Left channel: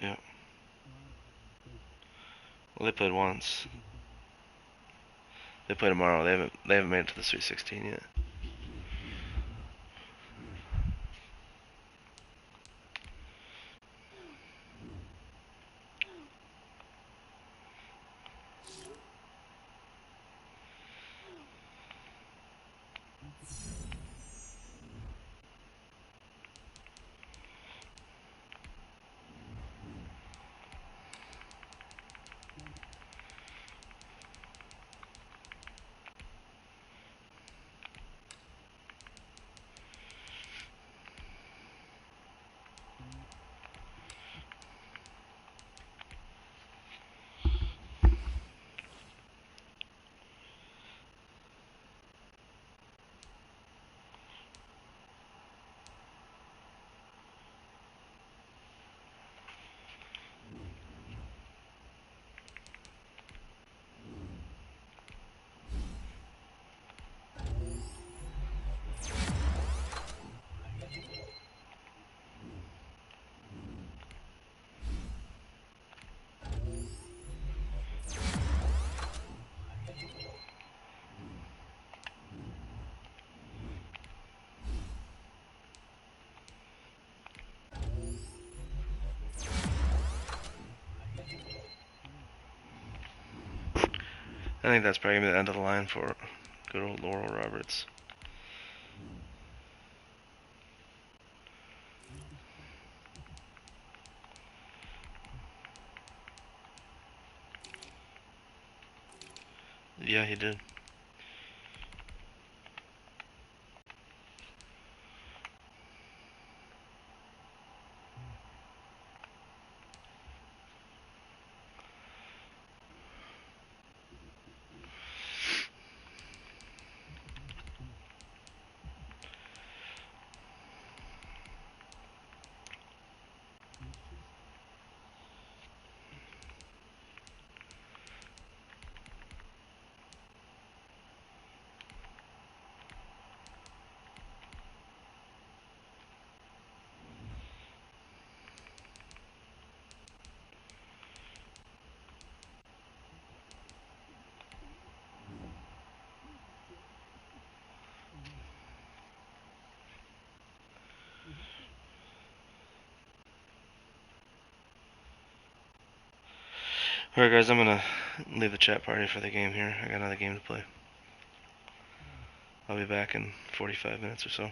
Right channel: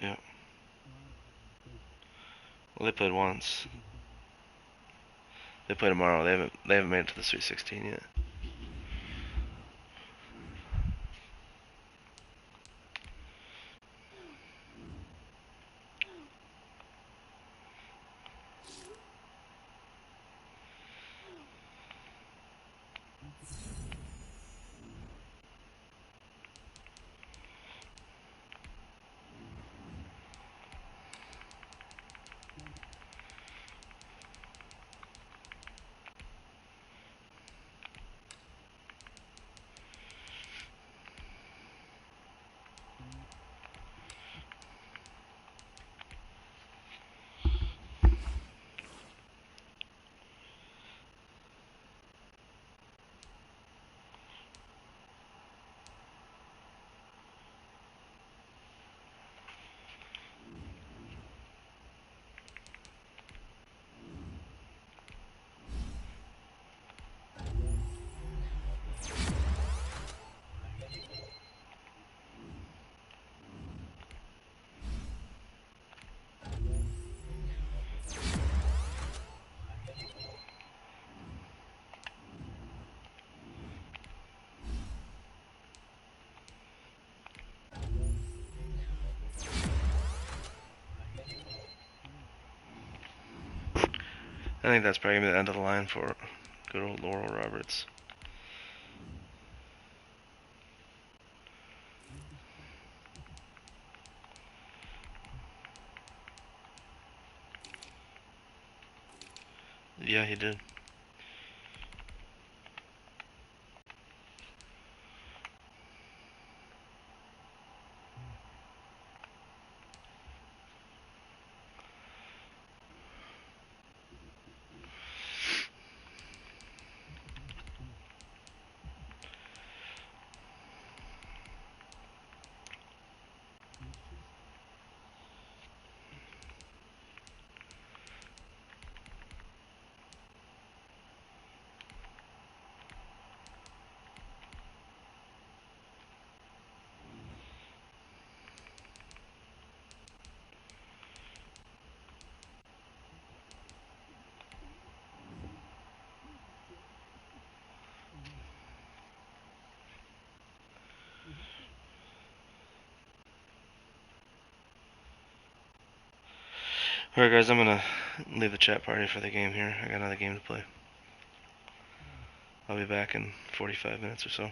Yeah. Well, they played once. They play tomorrow. They haven't made it to the Sweet 16 yet. I think that's probably gonna be the end of the line for good old Laurel Roberts. Yeah, he did. Alright guys, I'm gonna leave the chat party for the game here. I got another game to play. I'll be back in 45 minutes or so.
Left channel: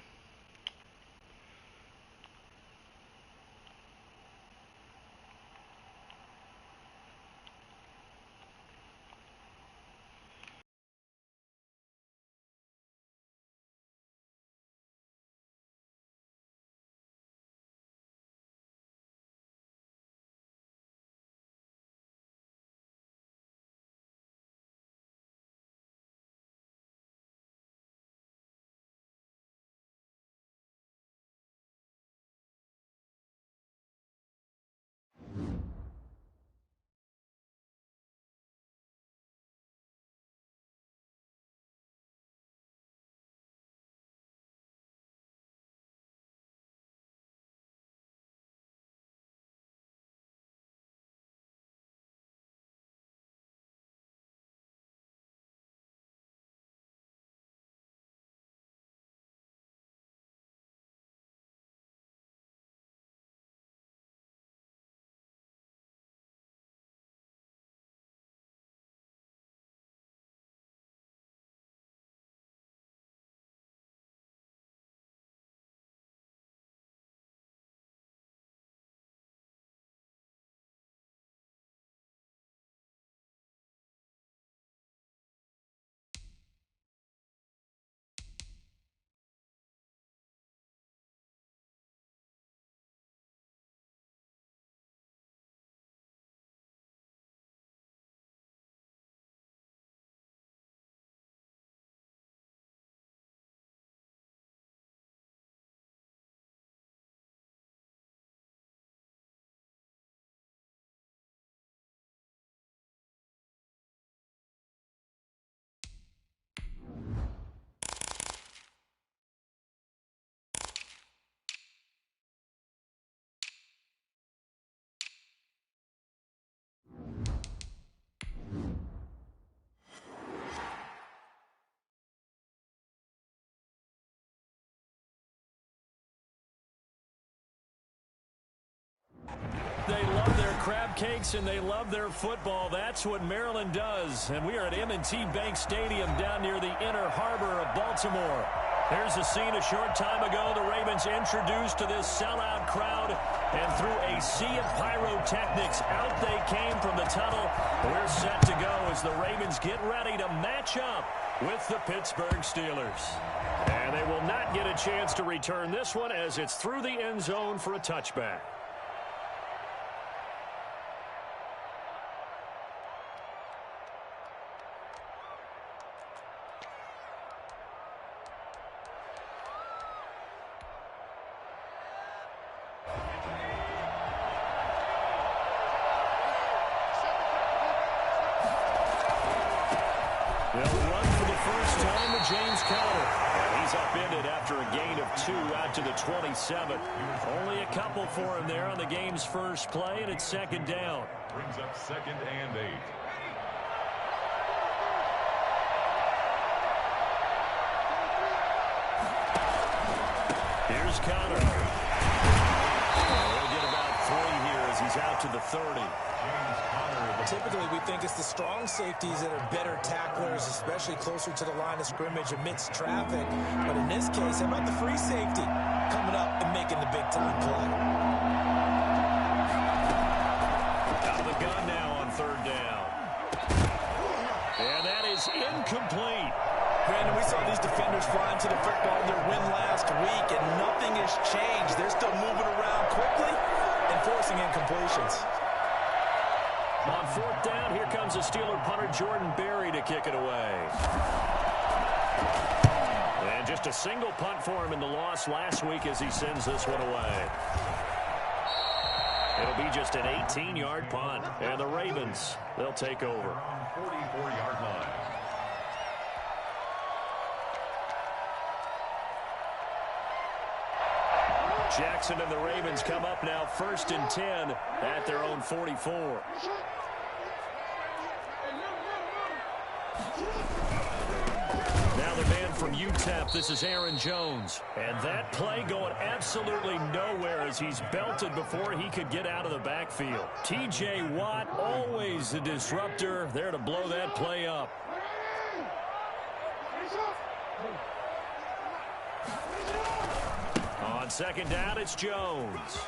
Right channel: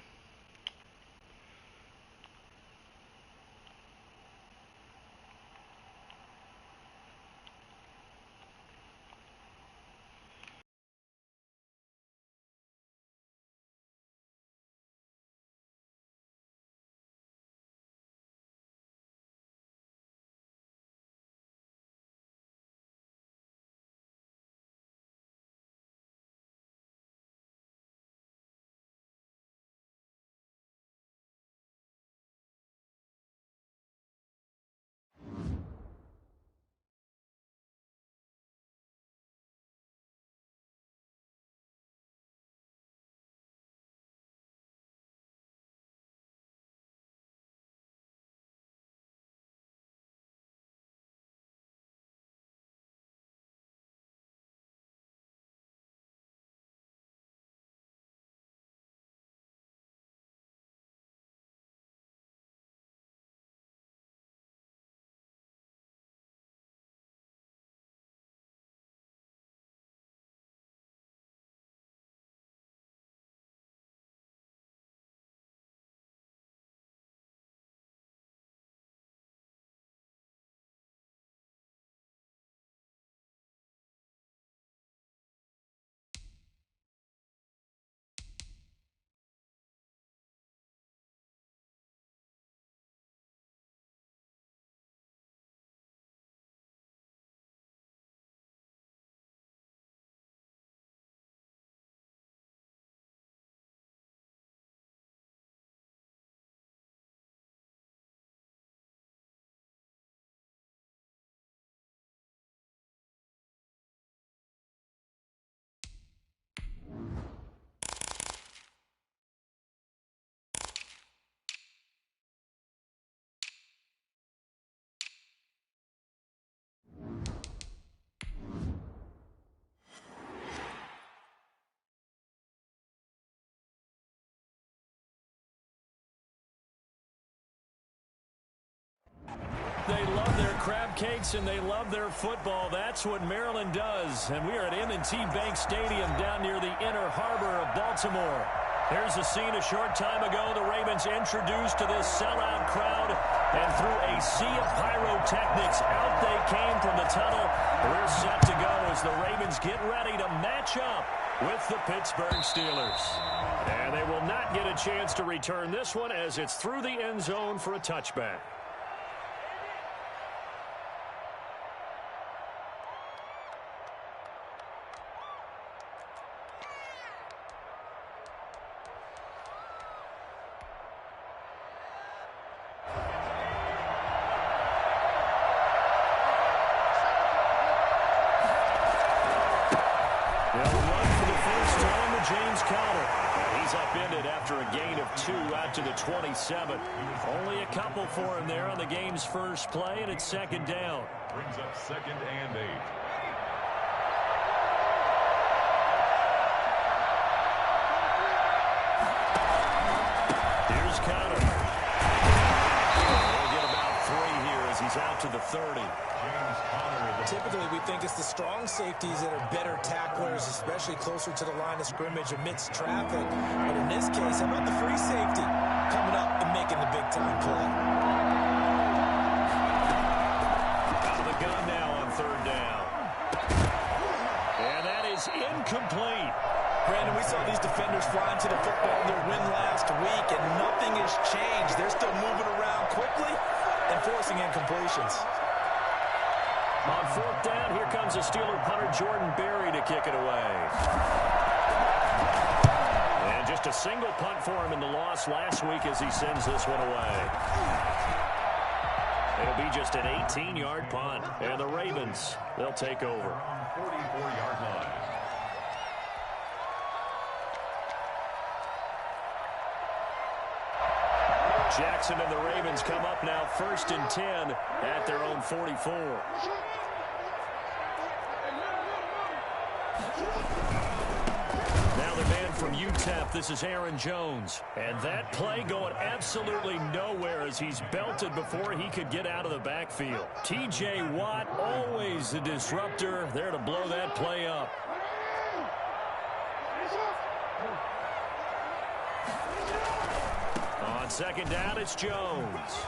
They love their crab cakes and they love their football. That's what Maryland does. And we are at M&T Bank Stadium down near the Inner Harbor of Baltimore. Here's a scene a short time ago. The Ravens introduced to this sellout crowd, and through a sea of pyrotechnics, out they came from the tunnel. We're set to go as the Ravens get ready to match up with the Pittsburgh Steelers. And they will not get a chance to return this one as it's through the end zone for a touchback. They'll run for the first time with James Conner. And he's upended after a gain of 2 out to the 27. Only a couple for him there on the game's first play, and it's second down. Brings up 2nd and 8. Here's Conner. He'll get about 3 here as he's out to the 30. Typically, we think it's the strong safeties that are better tacklers, especially closer to the line of scrimmage amidst traffic. But in this case, how about the free safety coming up and making the big-time play? Out of the gun now on 3rd down. And that is incomplete. Brandon, we saw these defenders flying to the football in their win last week, and nothing has changed. They're still moving around quickly and forcing incompletions. On 4th down, here comes a Steeler punter, Jordan Berry, to kick it away. And just a single punt for him in the loss last week as he sends this one away. It'll be just an 18-yard punt. And the Ravens, they'll take over. 44-yard line. Jackson and the Ravens come up now 1st and 10 at their own 44. Now the man from UTEP, this is Aaron Jones. And that play going absolutely nowhere as he's belted before he could get out of the backfield. T.J. Watt, always the disruptor, there to blow that play up. On 2nd down, it's Jones.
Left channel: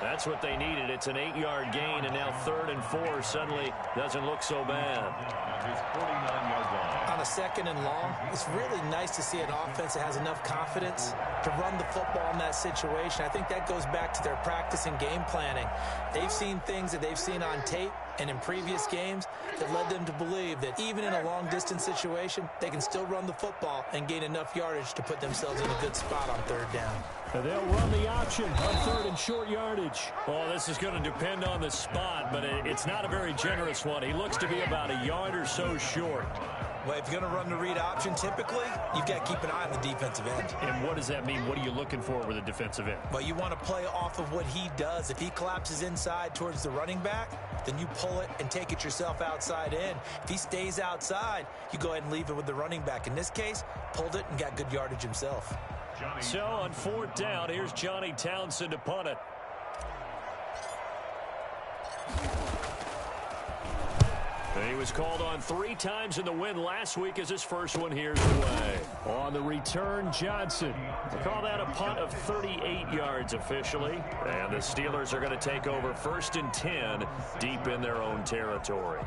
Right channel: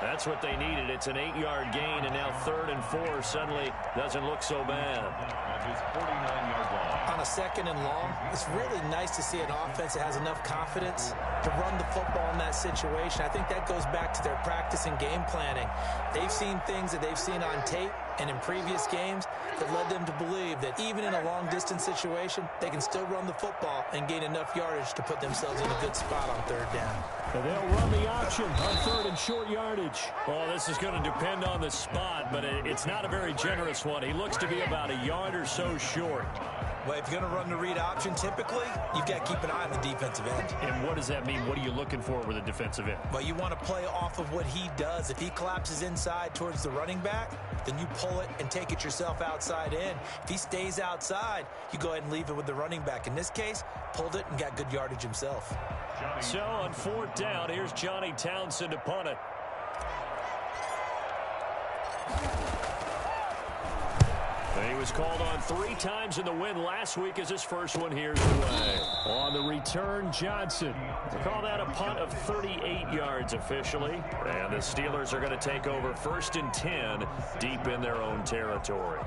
That's what they needed. It's an 8-yard gain, and now 3rd and 4 suddenly doesn't look so bad. At his 49-yard line. On a 2nd and long, it's really nice to see an offense that has enough confidence to run the football in that situation. I think that goes back to their practice and game planning. They've seen things that they've seen on tape and in previous games that led them to believe that even in a long-distance situation, they can still run the football and gain enough yardage to put themselves in a good spot on 3rd down. And they'll run the option on 3rd and short yardage. Oh, this is going to depend on the spot, but it's not a very generous one. He looks to be about a yard or so short. Well, if you're going to run the read option, typically, you've got to keep an eye on the defensive end. And what does that mean? What are you looking for with a defensive end? Well, you want to play off of what he does. If he collapses inside towards the running back, then you pull it and take it yourself outside in. If he stays outside, you go ahead and leave it with the running back. In this case, pulled it and got good yardage himself. So on 4th down, here's Johnny Townsend to punt it. He was called on 3 times in the win last week as his first one here's away. On the return, Johnson. They call that a punt of 38 yards officially. And the Steelers are going to take over 1st and 10 deep in their own territory.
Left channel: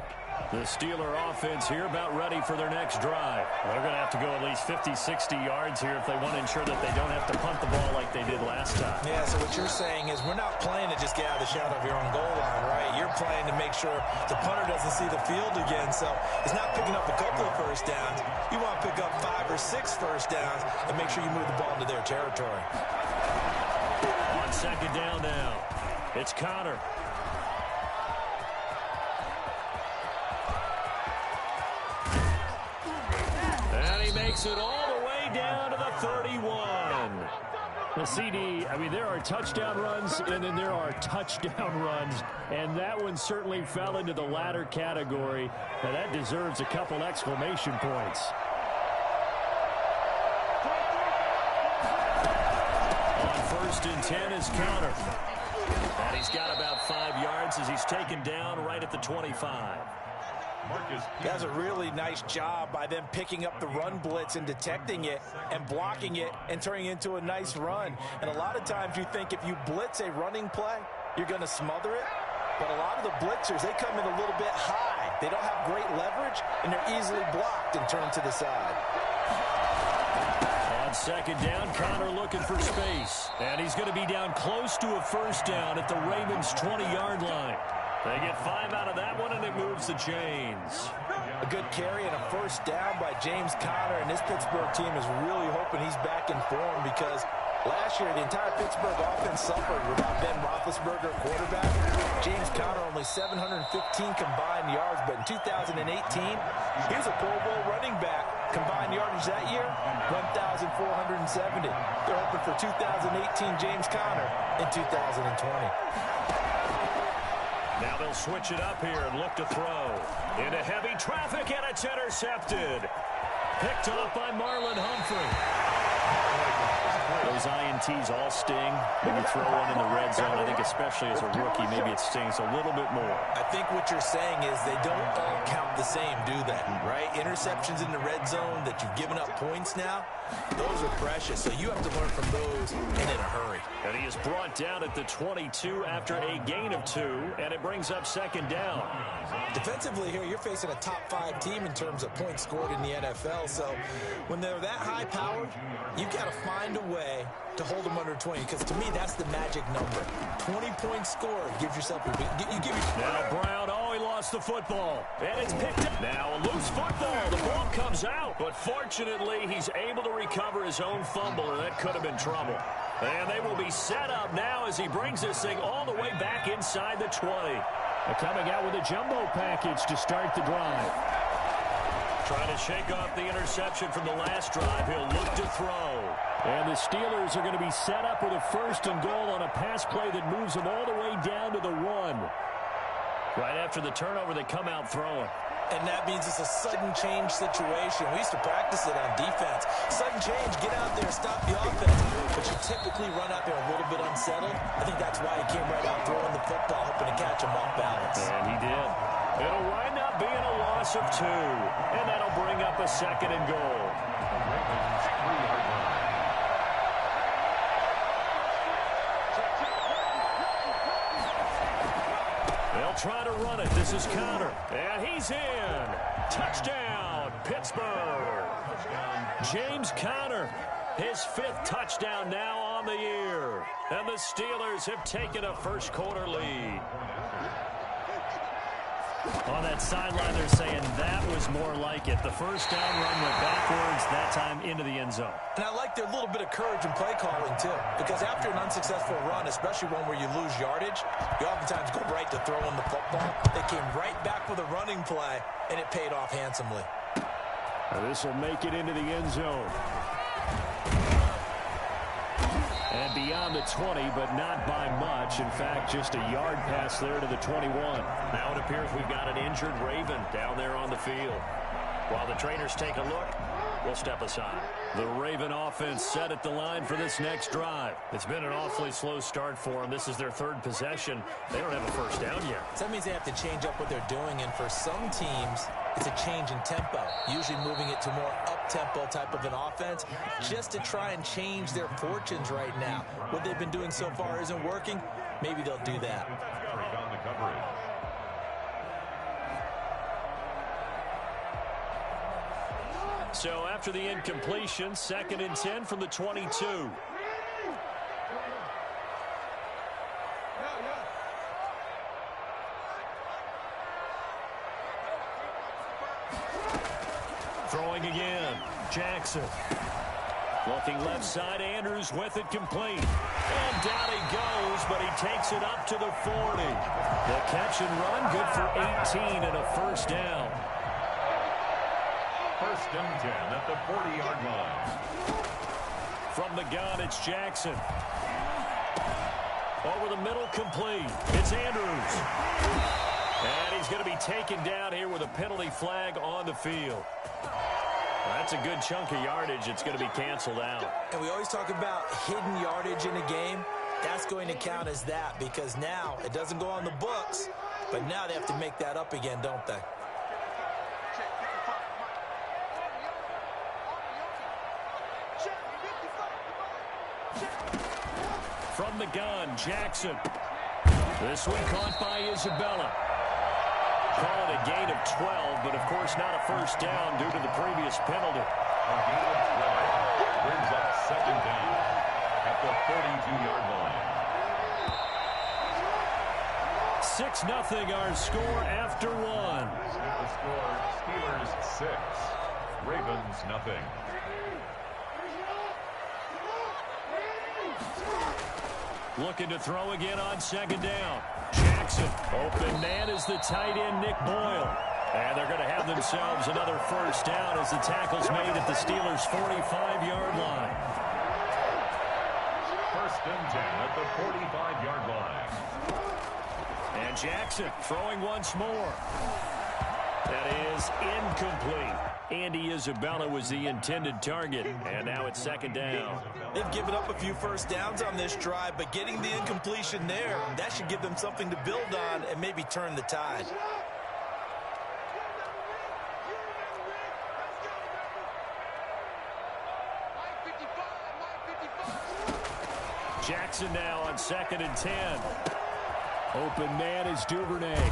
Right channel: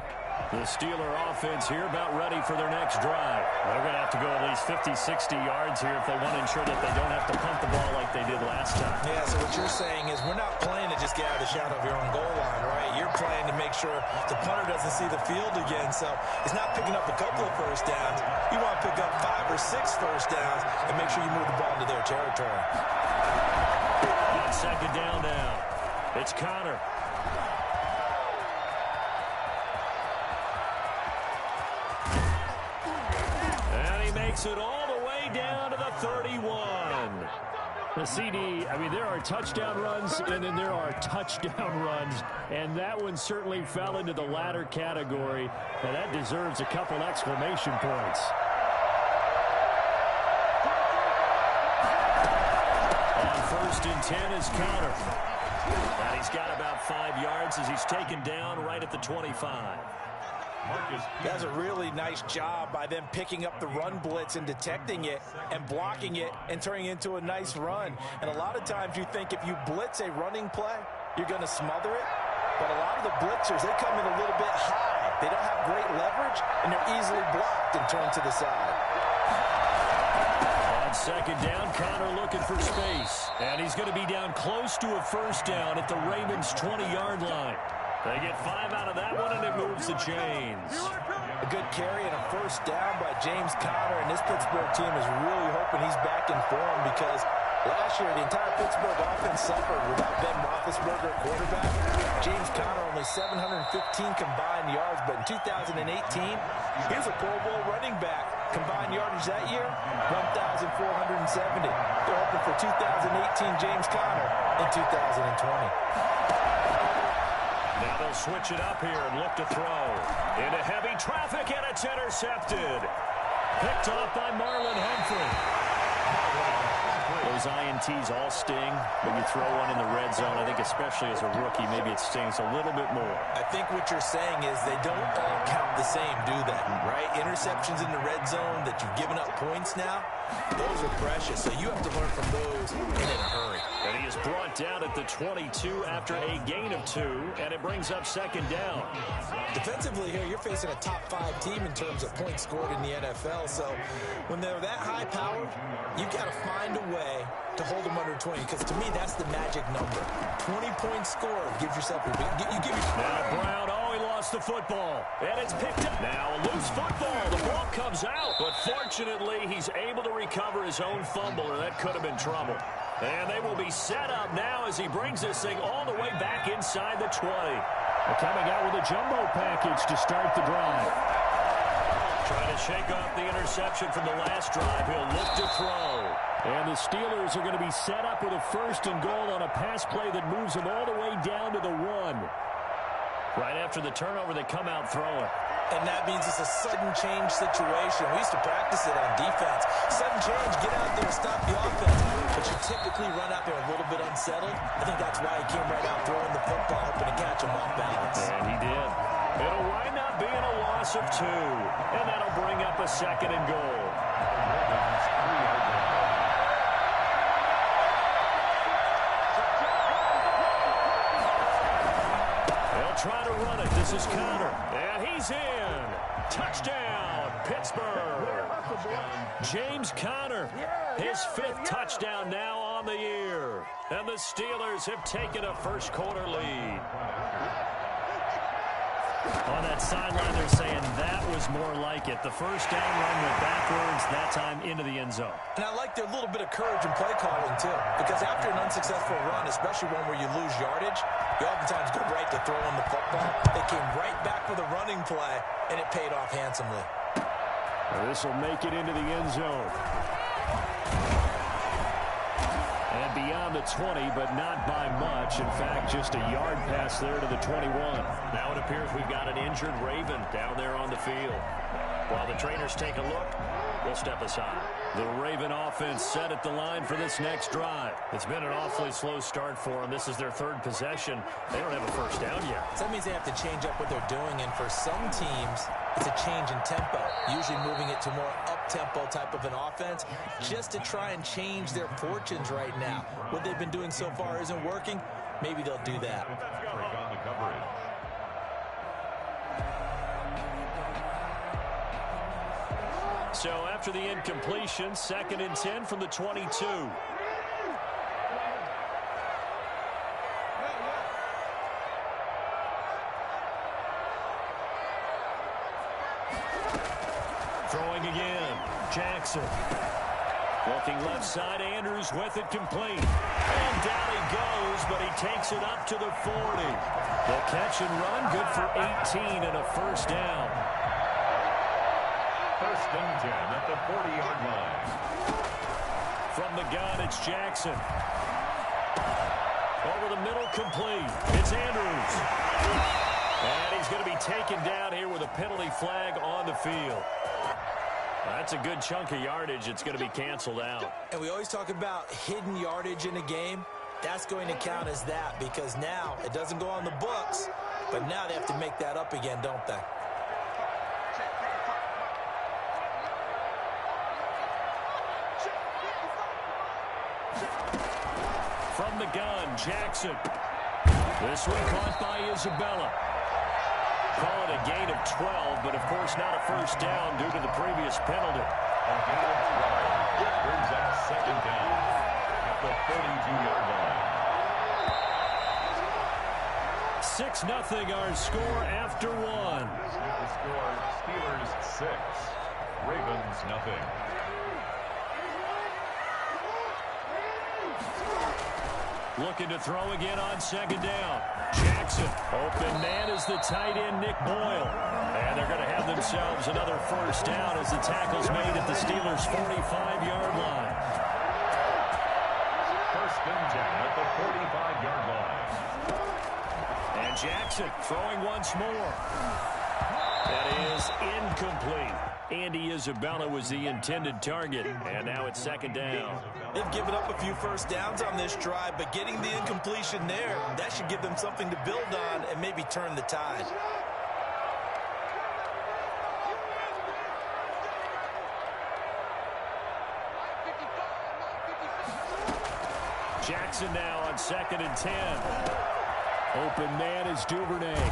The Steeler offense here about ready for their next drive. They're going to have to go at least 50, 60 yards here if they want to ensure that they don't have to punt the ball like they did last time. Yeah, so what you're saying is we're not playing to just get out of the shadow of your own goal line, right? You're playing to make sure the punter doesn't see the field again. So it's not picking up a couple of first downs. You want to pick up 5 or 6 first downs and make sure you move the ball into their territory. On 2nd down now, it's Conner. Makes it all the way down to the 31. The CD, I mean, there are touchdown runs, and then there are touchdown runs, and that one certainly fell into the latter category, and that deserves a couple exclamation points. On First and 10 is Connor. And he's got about 5 yards as he's taken down right at the 25. That's a really nice job by them picking up the run blitz and detecting it and blocking it and turning it into a nice run. And a lot of times you think if you blitz a running play, you're going to smother it. But a lot of the blitzers, they come in a little bit high. They don't have great leverage, and they're easily blocked and turned to the side. On second down, Connor looking for space. And he's going to be down close to a first down at the Ravens' 20-yard line. They get 5 out of that one, and it moves the chains. A good carry and a first down by James Conner, and this Pittsburgh team is really hoping he's back in form because last year the entire Pittsburgh offense suffered without Ben Roethlisberger at quarterback. James Conner only 715 combined yards, but in 2018, he was a Pro Bowl running back. Combined yardage that year, 1,470. They're hoping for 2018 James Conner in 2020. Now they'll switch it up here and look to throw. Into heavy traffic, and it's intercepted. Picked off by Marlon Humphrey. Those INTs all sting when you throw one in the red zone. I think especially as a rookie, maybe it stings a little bit more. I think what you're saying is they don't all count the same, do they? Right? Interceptions in the red zone that you've given up points now, those are precious. So you have to learn from those and in a hurry. And he is brought down at the 22 after a gain of 2, and it brings up second down. Defensively here, you're facing a top 5 team in terms of points scored in the NFL. So when they're that high powered, you've got to find a way to hold them under 20, because to me that's the magic number. 20 points scored gives yourself now Brown, he lost the football, and it's picked up. Now a loose football, the ball comes out, but fortunately he's able to recover his own fumble, or that could have been trouble. And they will be set up now as he brings this thing all the way back inside the 20. They're coming out with a jumbo package to start the drive. Trying to shake off the interception from the last drive. He'll look to throw. And the Steelers are going to be set up with a first and goal on a pass play that moves them all the way down to the 1. Right after the turnover, they come out throwing. And that means it's a sudden change situation. We used to practice it on defense. Sudden change, get out there, stop the offense. But you typically run out there a little bit unsettled. I think that's why he came right out throwing the football, hoping to catch him off balance. And he did. It'll wind up being a loss of 2. And that'll bring up a second and goal. Ravens 3-yard line. They'll try to run it. This is Connor. And he's in. Touchdown, Pittsburgh. James Conner, his 5th touchdown now on the year. And the Steelers have taken a first quarter lead. On that sideline, they're saying that was more like it. The first down run went backwards, that time into the end zone. And I like their little bit of courage in play calling, too. Because after an unsuccessful run, especially one where you lose yardage, you oftentimes go right to throwing the football. They came right back with a running play, and it paid off handsomely. This will make it into the end zone. And beyond the 20, but not by much. In fact, just a yard pass there to the 21. Now it appears we've got an injured Raven down there on the field. While the trainers take a look, we'll step aside. The Raven offense set at the line for this next drive. It's been an awfully slow start for them. This is their 3rd possession. They don't have a first down yet. So that means they have to change up what they're doing, and for some teams, it's a change in tempo, usually moving it to more up-tempo type of an offense, just to try and change their fortunes right now. What they've been doing so far isn't working. Maybe they'll do that. Break on the coverage. So after the incompletion, 2nd and 10 from the 22. Throwing again, Jackson. Looking left side, Andrews with it complete. And down he goes, but he takes it up to the 40. The catch and run, good for 18 and a first down. First and 10 at the 40-yard line. From the gun, it's Jackson. Over the middle, complete. It's Andrews. And he's going to be taken down here with a penalty flag on the field. Well, that's a good chunk of yardage. It's going to be canceled out. And we always talk about hidden yardage in a game. That's going to count as that because now it doesn't go on the books, but now they have to make that up again, don't they? From the gun, Jackson. This one caught by Isabella. Call it a gain of 12, but of course not a first down due to the previous penalty. A gain of 12 brings up second down at the 42-yard line. 6-0 our score after one. The score, Steelers 6, Ravens nothing. Looking to throw again on second down. Jackson, open man is the tight end, Nick Boyle. And they're going to have themselves another first down as the tackle's made at the Steelers' 45-yard line. First and 10 at the 45-yard line. And Jackson throwing once more. That is incomplete. Andy Isabella was the intended target, and now it's second down. They've given up a few first downs on this drive, but getting the incompletion there, that should give them something to build on and maybe turn the tide. Jackson now on second and 10. Open man is Duvernay.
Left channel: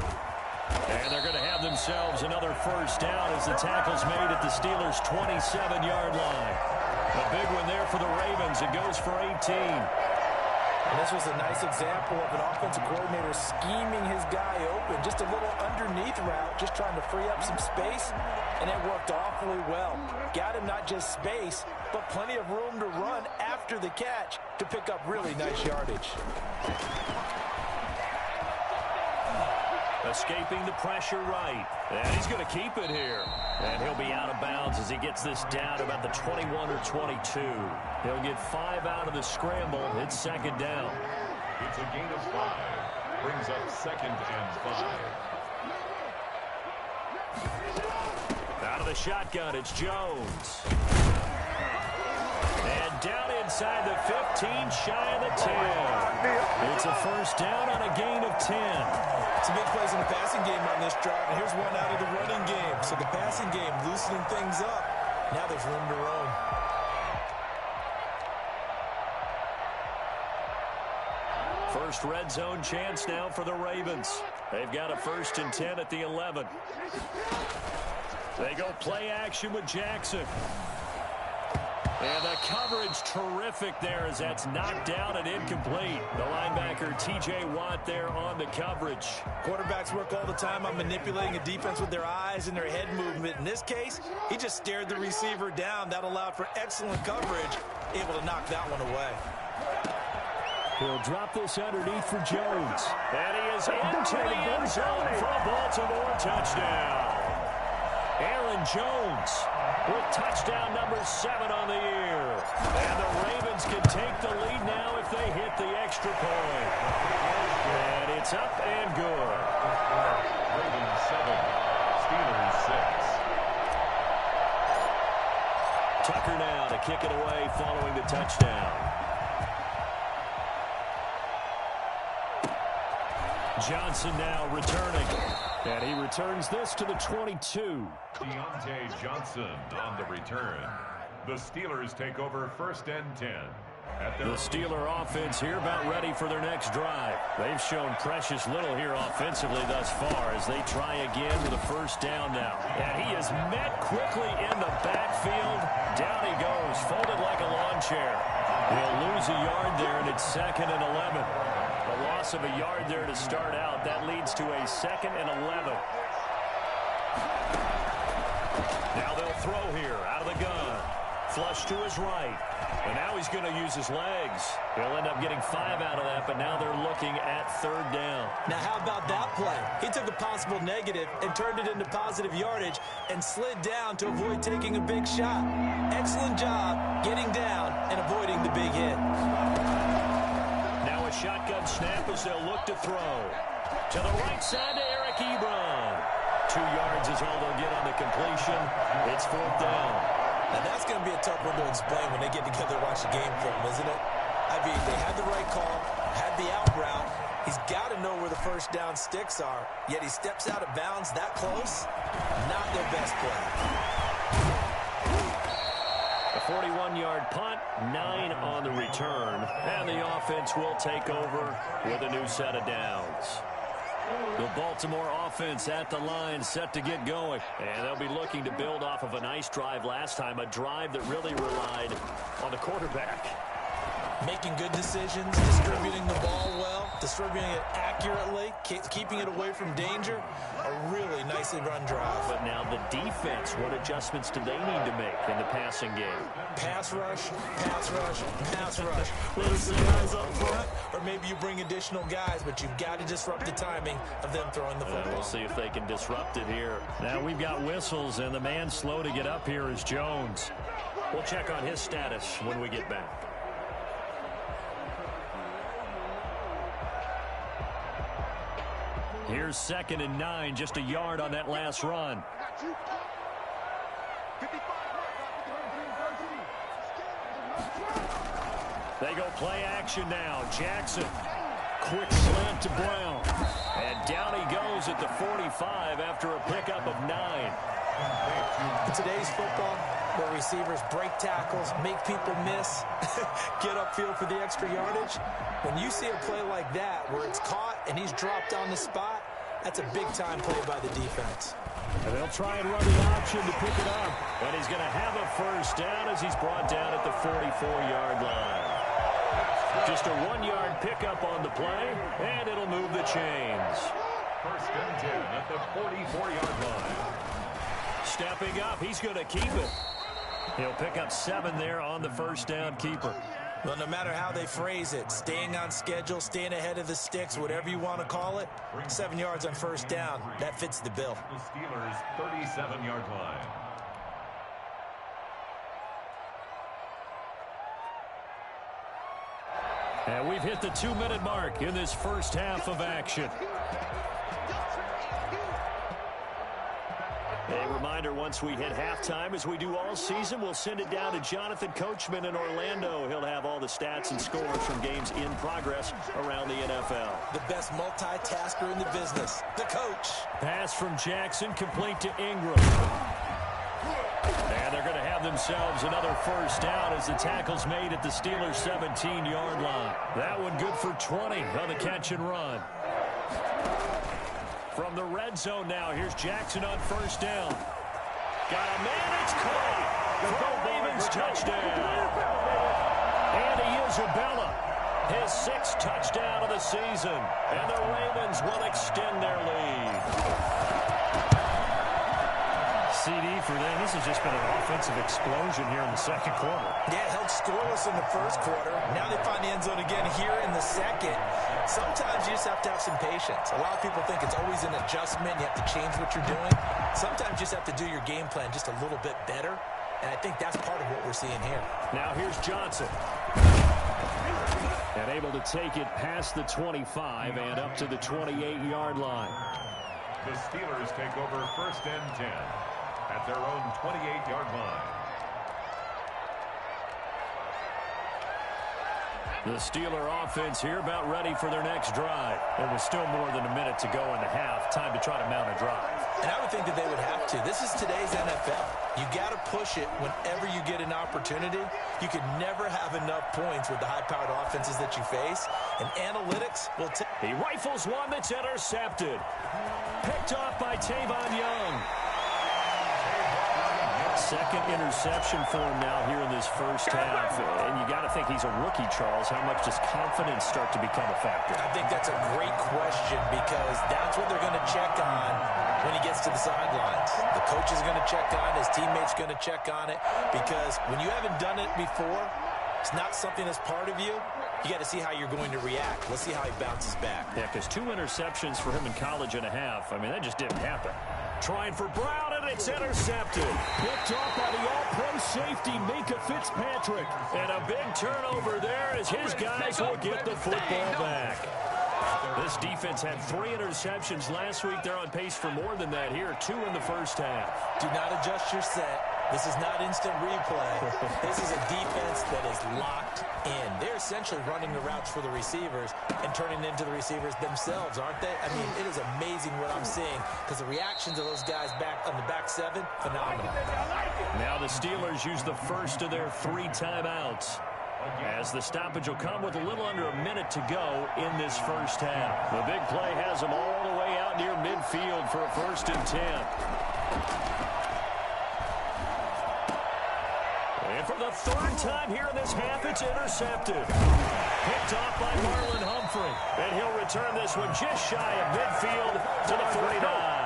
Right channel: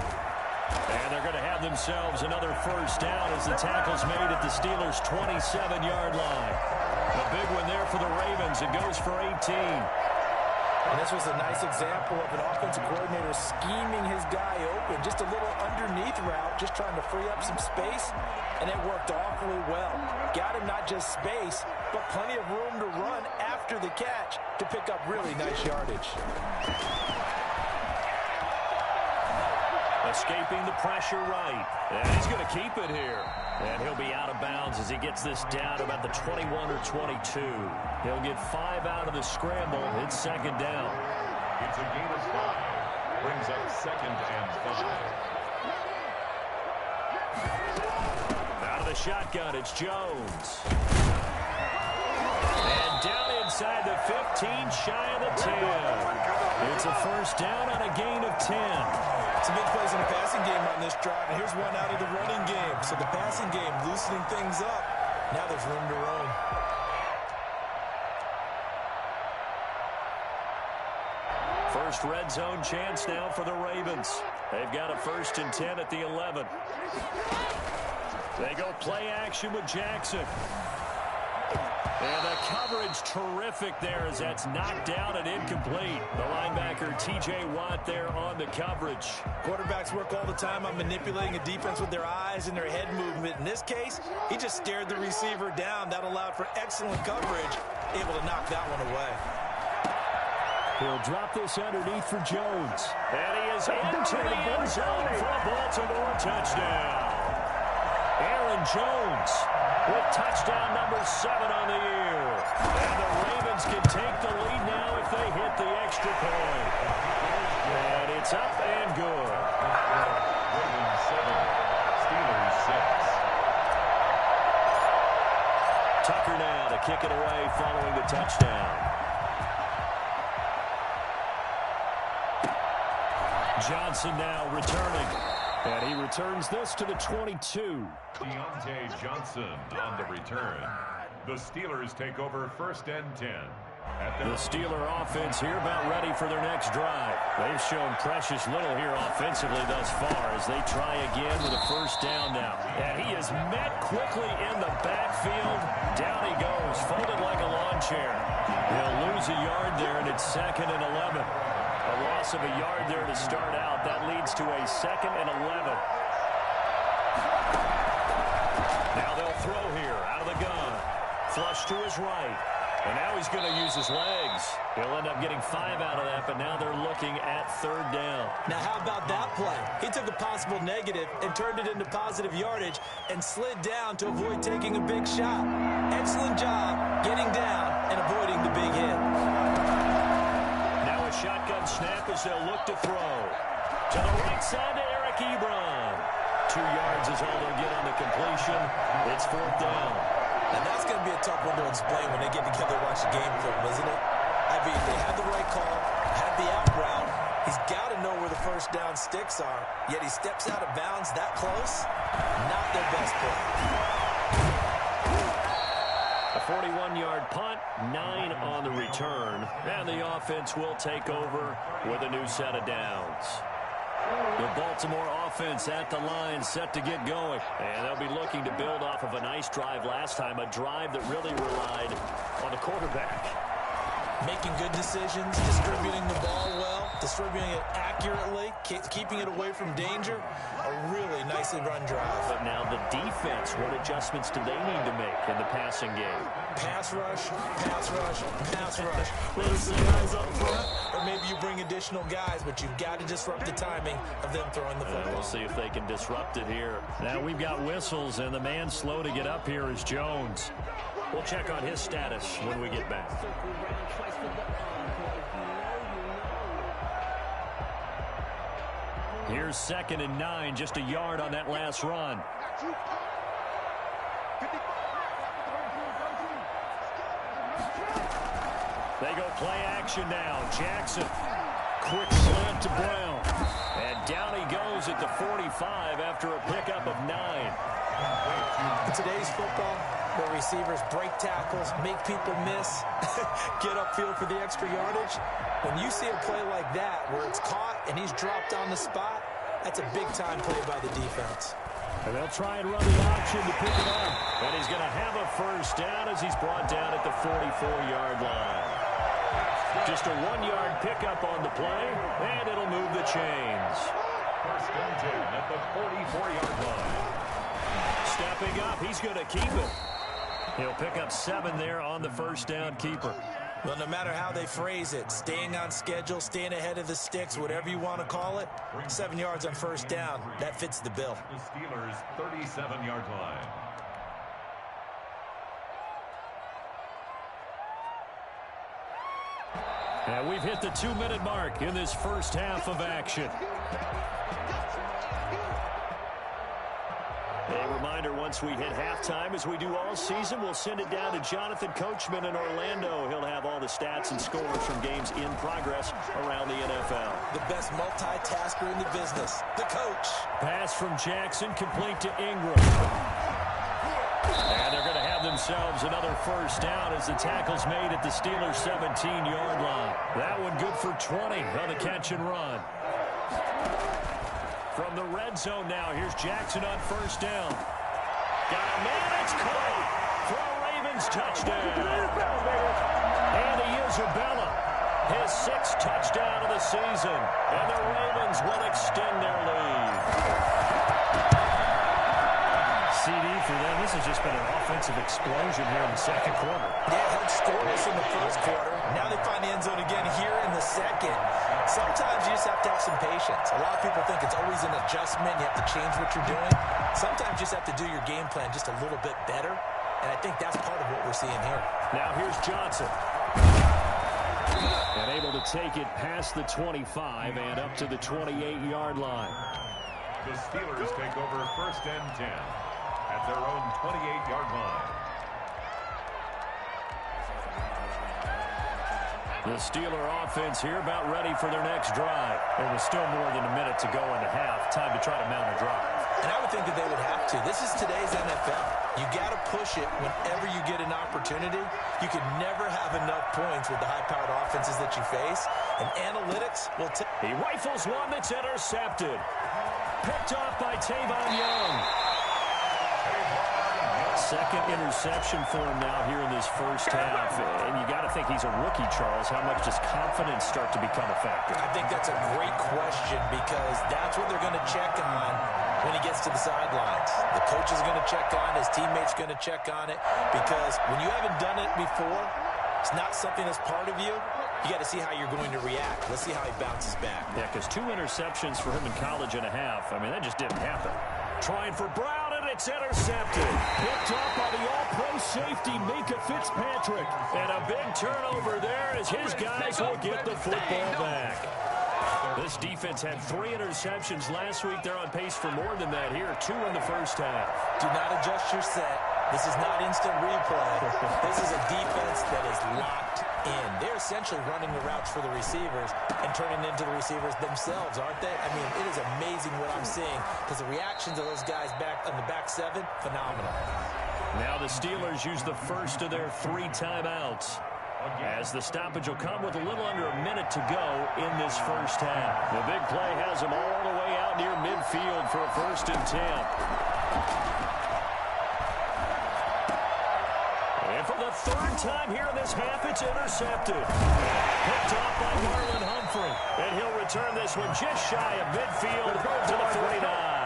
And they're going to have themselves another first down as the tackle's made at the Steelers' 27-yard line. A big one there for the Ravens. It goes for 18. And this was a nice example of an offensive coordinator scheming his guy open. Just a little underneath route, just trying to free up some space, and it worked awfully well. Got him not just space, but plenty of room to run after the catch to pick up really nice yardage. Escaping the pressure right. And he's going to keep it here. And he'll be out of bounds as he gets this down to about the 21 or 22. He'll get 5 out of the scramble. It's second down. It's a gain of 5. Brings up second and 5. Out of the shotgun, it's Jones. And down inside the 15, shy of the 10. It's a first down on a gain of 10. Some big plays in the passing game on this drive, and here's one out of the running game. So the passing game loosening things up. Now there's room to roam. First red zone chance now for the Ravens. They've got a first and 10 at the 11. They go play action with Jackson. And the coverage terrific there as that's knocked down and incomplete. The linebacker, T.J. Watt, there on the coverage. Quarterbacks work all the time on manipulating a defense with their eyes and their head movement. In this case, he just stared the receiver down. That allowed for excellent coverage, able to knock that one away. He'll drop this underneath for Jones. And he is into the end zone for a Baltimore touchdown. Aaron Jones with touchdown number 7 on the year. And the Ravens can take the lead now if they hit the extra point. And it's up and good. Ravens 7, Steelers 6. Tucker now to kick it away following the touchdown. Johnson now returning. And he returns this to the 22. Deontay Johnson on the return. The Steelers take over first and 10. The Steeler offense here about ready for their next drive. They've shown precious little here offensively thus far as they try again with a first down now. And he is met quickly in the backfield. Down he goes, folded like a lawn chair. He'll lose a yard there, and it's second and 11. A loss of a yard there to start out. That leads to a second and 11. Now they'll throw here out of the gun. Flush to his right. And now he's going to use his legs. He'll end up getting 5 out of that, but now they're looking at third down. Now how about that play? He took a possible negative and turned it into positive yardage and slid down to avoid taking a big shot. Excellent job getting down and avoiding the big hit. Now a shotgun snap as they'll look to throw. To the right side to Eric Ebron. 2 yards is all they'll get on the completion. It's fourth down. Now, that's going to be a tough one to explain when they get together and watch the game film, isn't it? I mean, they had the right call, had the out route. He's got to know where the first down sticks are, yet he steps out of bounds that close. Not their best play. A 41-yard punt, 9 on the return, and the offense will take over with a new set of downs. The Baltimore offense at the line, set to get going. And they'll be looking to build off of a nice drive last time, a drive that really relied on the quarterback. Making good decisions, distributing the ball well, distributing it accurately, keeping it away from danger. A really nicely run drive. But now the defense, what adjustments do they need to make in the passing game? Pass rush, pass rush, pass rush. Whether it's the guys up front, or maybe you bring additional guys, but you've got to disrupt the timing of them throwing the football. We'll see if they can disrupt it here. Now we've got whistles, and the man slow to get up here is Jones. We'll check on his status when we get back. Here's 2nd and 9, just a yard on that last run. They go play action now. Jackson, quick slant to Brown. And down he goes at the 45 after a pickup of 9. In today's football, where receivers break tackles, make people miss, get upfield for the extra yardage, when you see a play like that where it's caught and he's dropped on the spot, that's a big-time play by the defense. And they'll try and run the option to pick it up. And he's going to have a first down as he's brought down at the 44-yard line. Just a 1-yard pickup on the play, and it'll move the chains. 1st and 10 at the 44-yard line. Stepping up, he's going to keep it. He'll pick up 7 there on the first down keeper. Well, no matter how they phrase it, staying on schedule, staying ahead of the sticks, whatever you want to call it, 7 yards on first down, that fits the bill. The Steelers' 37-yard line. And we've hit the 2-minute mark in this first half of action. A reminder, once we hit halftime, as we do all season, we'll send it down to Jonathan Coachman in Orlando. He'll have all the stats and scores from games in progress around the NFL. The best multitasker in the business, the coach. Pass from Jackson, complete to Ingram. And they're going to have themselves another first down as the tackle's made at the Steelers' 17-yard line. That one good for 20 on the catch and run. From the red zone now, here's Jackson on first down. Got a man, it's caught for a Ravens touchdown. Andy Isabella, his 6th touchdown of the season, and the Ravens will extend their lead. CD for them. This has just been an offensive explosion here in the second quarter. Yeah, held scoreless in the first quarter. Now they find the end zone again here in the second. Sometimes you just have to have some patience. A lot of people think it's always an adjustment. You have to change what you're doing. Sometimes you just have to do your game plan just a little bit better. And I think that's part of what we're seeing here. Now here's Johnson. And able to take it past the 25 and up to the 28-yard line. The Steelers take over 1st and 10 at their own 28-yard line. The Steeler offense here about ready for their next drive. It was still more than a minute to go in the half. Time to try to mount a drive. And I would think that they would have to. This is today's NFL. You got to push it whenever you get an opportunity. You can never have enough points with the high-powered offenses that you face. And analytics will take. He rifles one that's intercepted. Picked off by Tavon Young. Second interception for him now here in this first half. And you got to think he's a rookie, Charles. How much does confidence start to become a factor? I think that's a great question because that's what they're going to check on when he gets to the sidelines. The coach is going to check on it. His teammate's going to check on it because when you haven't done it before, it's not something that's part of you. You got to see how you're going to react. Let's see how he bounces back. Yeah, because 2 interceptions for him in college and a half. I mean, that just didn't happen. Trying for Brown, and it's intercepted. Picked off by the all-pro safety, Minka Fitzpatrick. And a big turnover there as his guys will get the football back. This defense had 3 interceptions last week. They're on pace for more than that here. 2 in the first half. Do not adjust your set. This is not instant replay. This is a defense that is locked in. They're essentially running the routes for the receivers and turning into the receivers themselves, aren't they? I mean, it is amazing what I'm seeing because the reactions of those guys back on the back seven, phenomenal. Now the Steelers use the first of their 3 timeouts, as the stoppage will come with a little under a minute to go in this first half. The big play has them all the way out near midfield for a 1st and 10. And for the 3rd time here in this half, it's intercepted. Picked off by Marlon Humphrey. And he'll return this one just shy of midfield to the 49.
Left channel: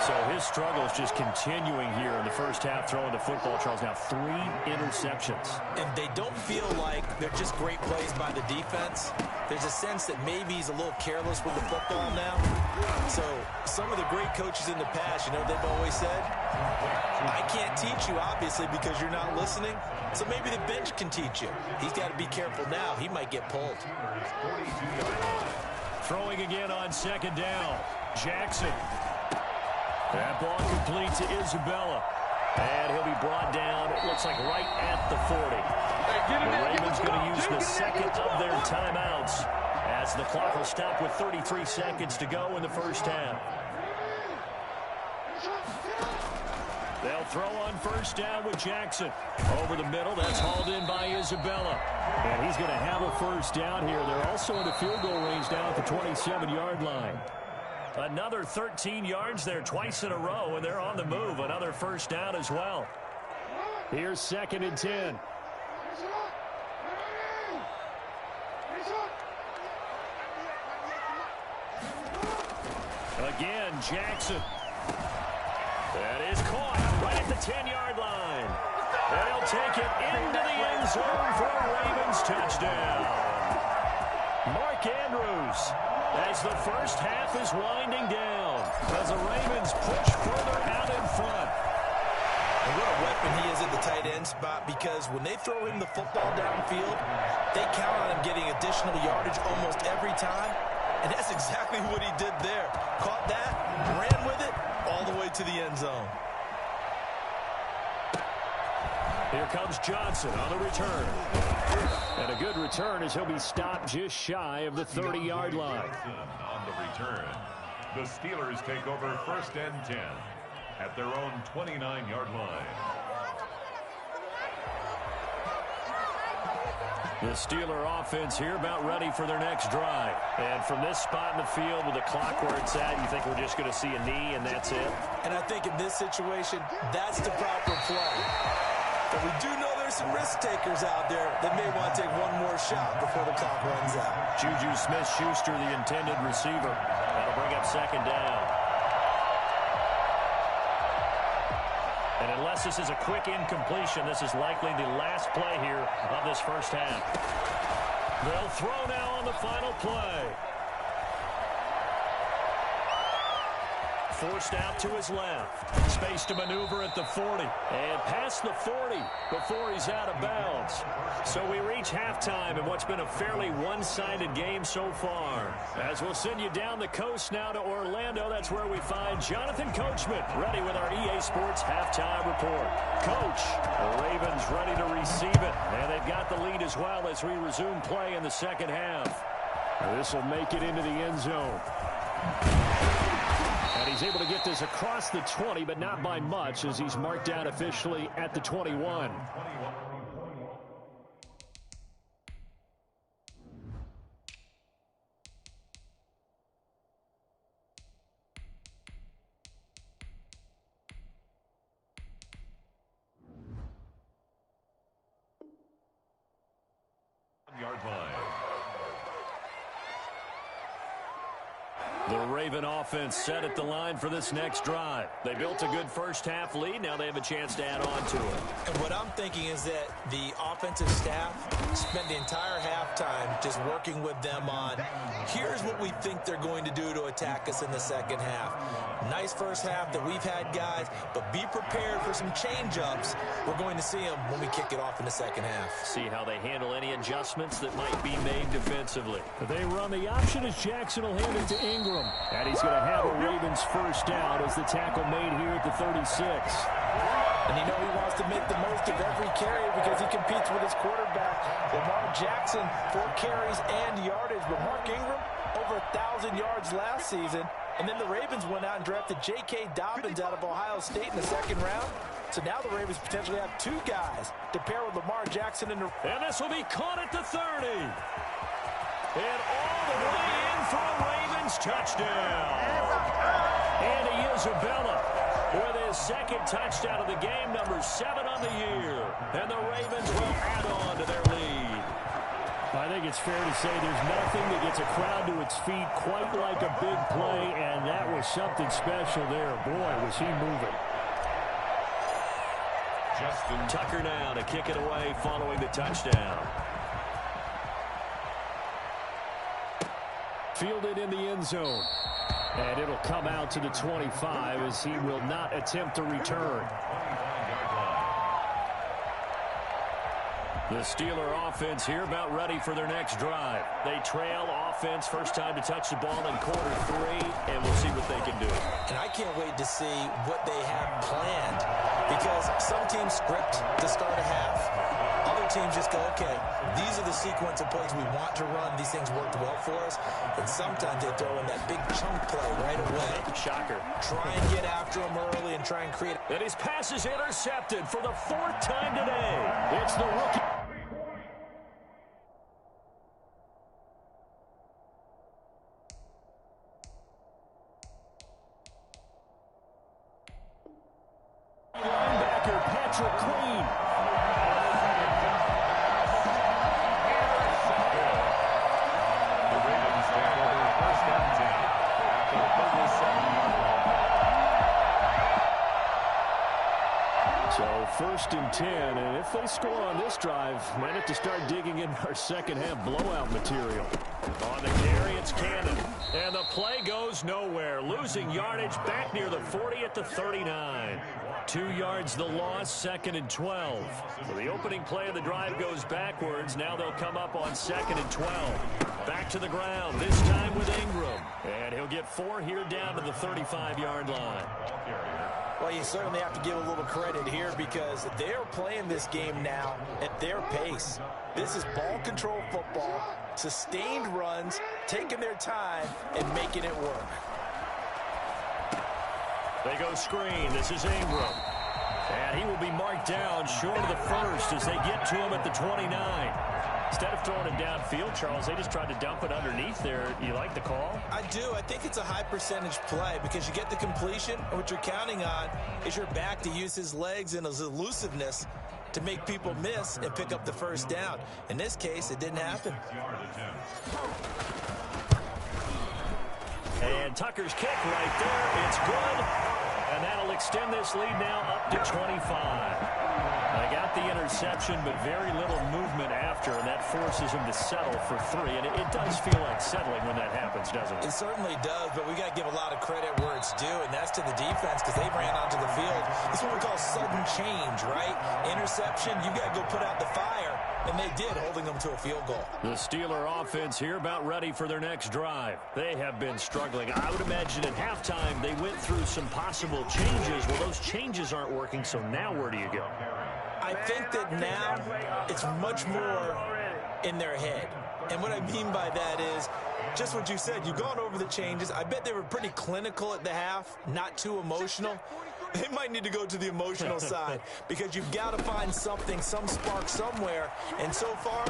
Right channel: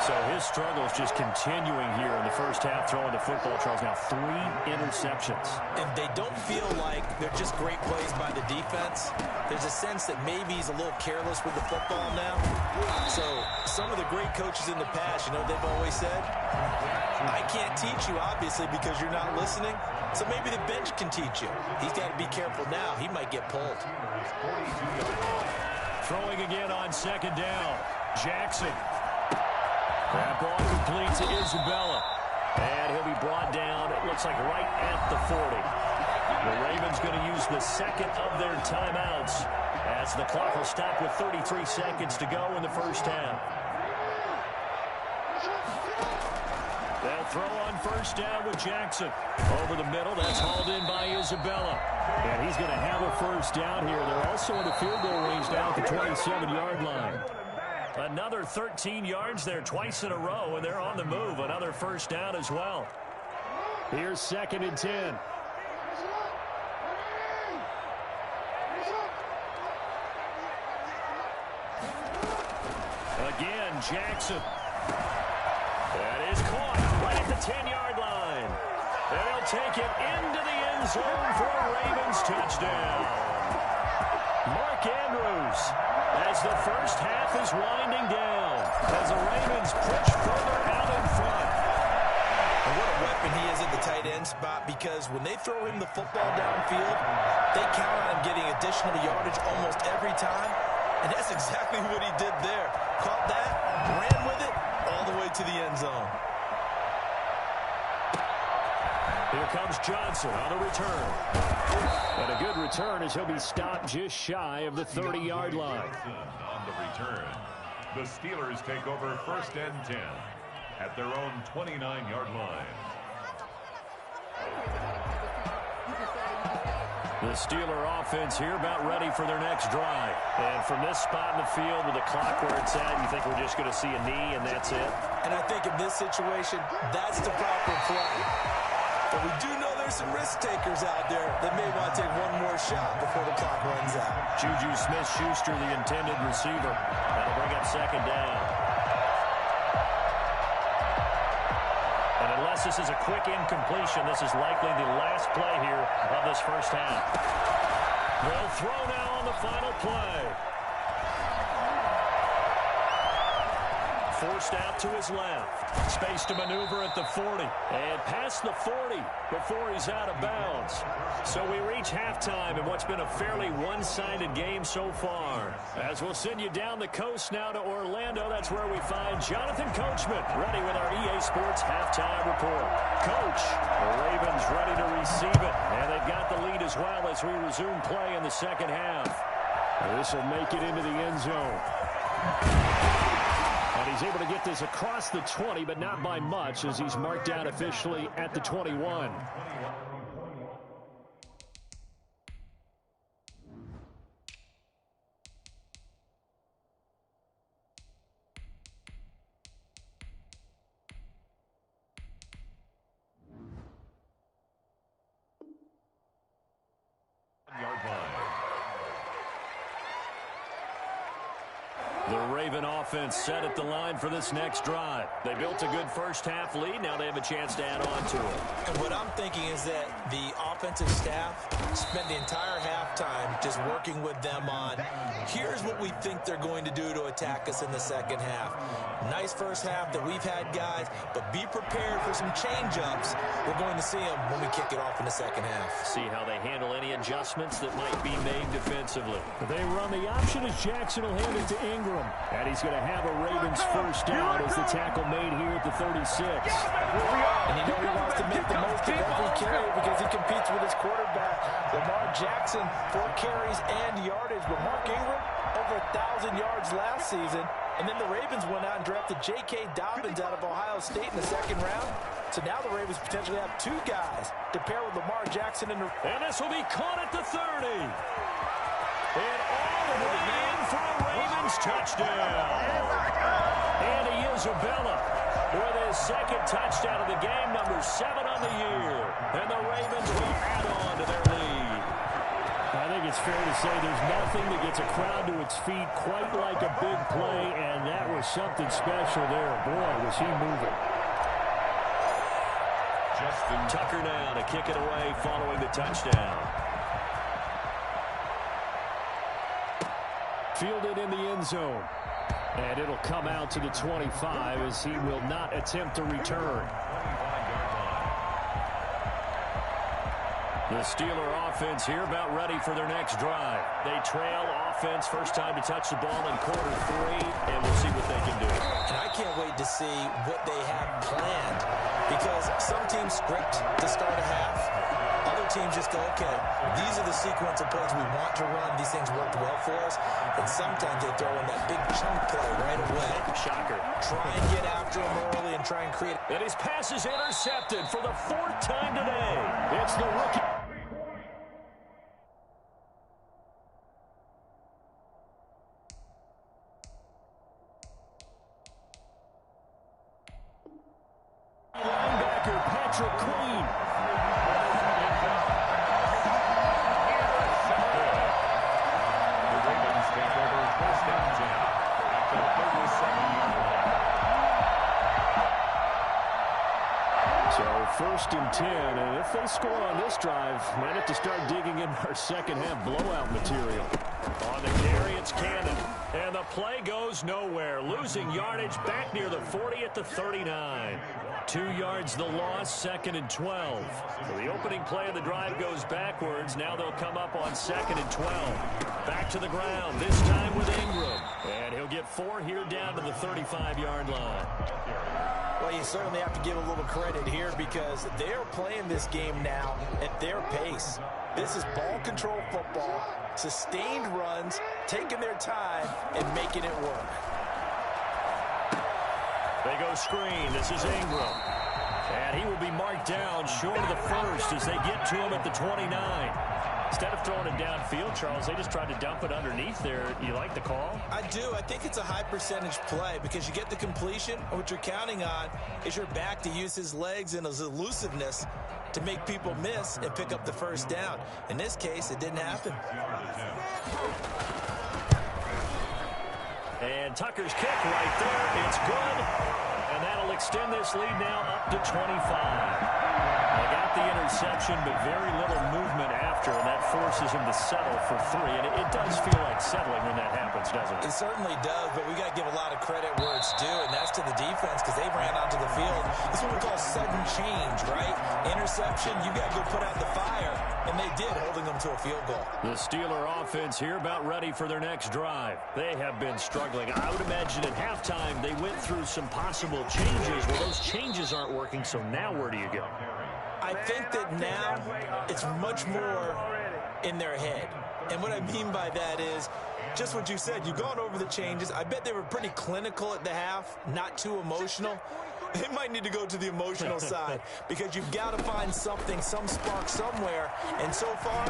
So his struggles just continuing here in the first half, throwing the football, Charles. Now 3 interceptions. And they don't feel like they're just great plays by the defense. There's a sense that maybe he's a little careless with the football now. So some of the great coaches in the past, you know, they've always said, I can't teach you, obviously, because you're not listening. So maybe the bench can teach you. He's got to be careful now. He might get pulled. Throwing again on 2nd down. Jackson. That ball complete to Isabella. And he'll be brought down, it looks like right at the 40. The Ravens going to use the 2nd of their timeouts as the clock will stop with 33 seconds to go in the first half. They'll throw on 1st down with Jackson. Over the middle, that's hauled in by Isabella. And he's going to have a 1st down here. They're also in the field goal range down at the 27-yard line. Another 13 yards there twice in a row, and they're on the move. Another 1st down as well. Here's 2nd and 10. Again, Jackson. That is caught right at the 10-yard line. And he'll take it into the end zone for a Ravens touchdown. Mark Andrews, as the first half is winding down, as the Ravens push further out in front. And what a weapon he is at the tight end spot, because when they throw him the football downfield, they count on him getting additional yardage almost every time. And that's exactly what he did there. Caught that, ran with it, all the way to the end zone. Here comes Johnson on the return. And a good return as he'll be stopped just shy of the 30-yard line. On the return, the Steelers take over 1st and 10 at their own 29-yard line. The Steeler offense here about ready for their next drive. And from this spot in the field with the clock where it's at, you think we're just going to see a knee and that's it? And I think in this situation, that's the proper play. But we do know there's some risk takers out there that may want to take one more shot before the clock runs out. Juju Smith-Schuster, the intended receiver. That'll bring up 2nd down. And unless this is a quick incompletion, this is likely the last play here of this first half. They'll throw now on the final play. Forced out to his left. Space to maneuver at the 40. And past the 40 before he's out of bounds. So we reach halftime in what's been a fairly one-sided game so far. As we'll send you down the coast now to Orlando, that's where we find Jonathan Coachman ready with our EA Sports halftime report. Coach, the Ravens ready to receive it. And they've got the lead as well as we resume play in the second half. This will make it into the end zone. And he's able to get this across the 20, but not by much, as he's marked down officially at the 21. Yard line. The Raven offense set at the line for this next drive. They built a good first half lead. Now they have a chance to add on to it. And what I'm thinking is that the offensive staff spent the entire halftime just working with them on, here's what we think they're going to do to attack us in the second half. Nice first half that we've had, guys, but be prepared for some change-ups. We're going to see them when we kick it off in the second half. See how they handle any adjustments that might be made defensively. They run the option as Jackson will hand it to Ingram. Ingram. And he's going to have a Ravens first down as the tackle made here at the 36. And you know he wants to make the most of every carry because he competes with his quarterback. Lamar Jackson, 4 carries and yardage. But Mark Ingram, over 1,000 yards last season. And then the Ravens went out and drafted J.K. Dobbins out of Ohio State in the 2nd round. So now the Ravens potentially have 2 guys to pair with Lamar Jackson. And this will be caught at the 30. And all the way in for a Ravens touchdown. Andy Isabella with his 2nd touchdown of the game, number 7 on the year. And the Ravens will add on to their lead. I think it's fair to say there's nothing that gets a crowd to its feet quite like a big play, and that was something special there. Boy, was he moving. Justin Tucker now to kick it away following the touchdown. Fielded in the end zone. And it'll come out to the 25 as he will not attempt to return. The Steeler offense here about ready for their next drive. They trail offense, first time to touch the ball in quarter 3, and we'll see what they can do. And I can't wait to see what they have planned because some teams script to start a half. Other teams just go, okay, these are the sequence of plays we want to run. These things worked well for us. And sometimes they throw in that big chunk play right away. Shocker. Try and get after him early and try and create. And his pass is intercepted for the 4th time today. It's the rookie. Linebacker Patrick Queen. The Ravens take over first and 10 at the 37-yard line. So 1st and 10, and if they score on this drive, might have to start digging in our second half blowout material. On the carry, it's Cannon. And the play goes nowhere. Losing yardage back near the 40 at the 39. 2 yards the loss, 2nd and 12. So the opening play of the drive goes backwards. Now they'll come up on 2nd and 12. Back to the ground, this time with Ingram. And he'll get 4 here down to the 35-yard line. Well, you certainly have to give a little credit here because they're playing this game now at their pace. This is ball control football, sustained runs, taking their time, and making it work. They go screen. This is Ingram. And he will be marked down short of the 1st as they get to him at the 29. Instead of throwing it downfield, Charles, they just tried to dump it underneath there. You like the call? I do. I think it's a high percentage play because you get the completion, and what you're counting on is your back to use his legs and his elusiveness to make people miss and pick up the first down. In this case, it didn't happen. And Tucker's kick right there. It's good. And that'll extend this lead now up to 25. They got the interception, but very little movement after, and that forces him to settle for 3. And it does feel like settling when that happens, doesn't it? It certainly does, but we got to give a lot of credit where it's due, and that's to the defense because they ran onto the field. This is what we call sudden change, right? Interception, you got to go put out the fire, and they did, holding them to a field goal. The Steeler offense here about ready for their next drive. They have been struggling. I would imagine at halftime they went through some possible changes. Well, those changes aren't working, so now where do you go? I think that now it's much more in their head. And what I mean by that is just what you said. You've gone over the changes. I bet they were pretty clinical at the half, not too emotional. They might need to go to the emotional side because you've got to find something, some spark somewhere. And so far,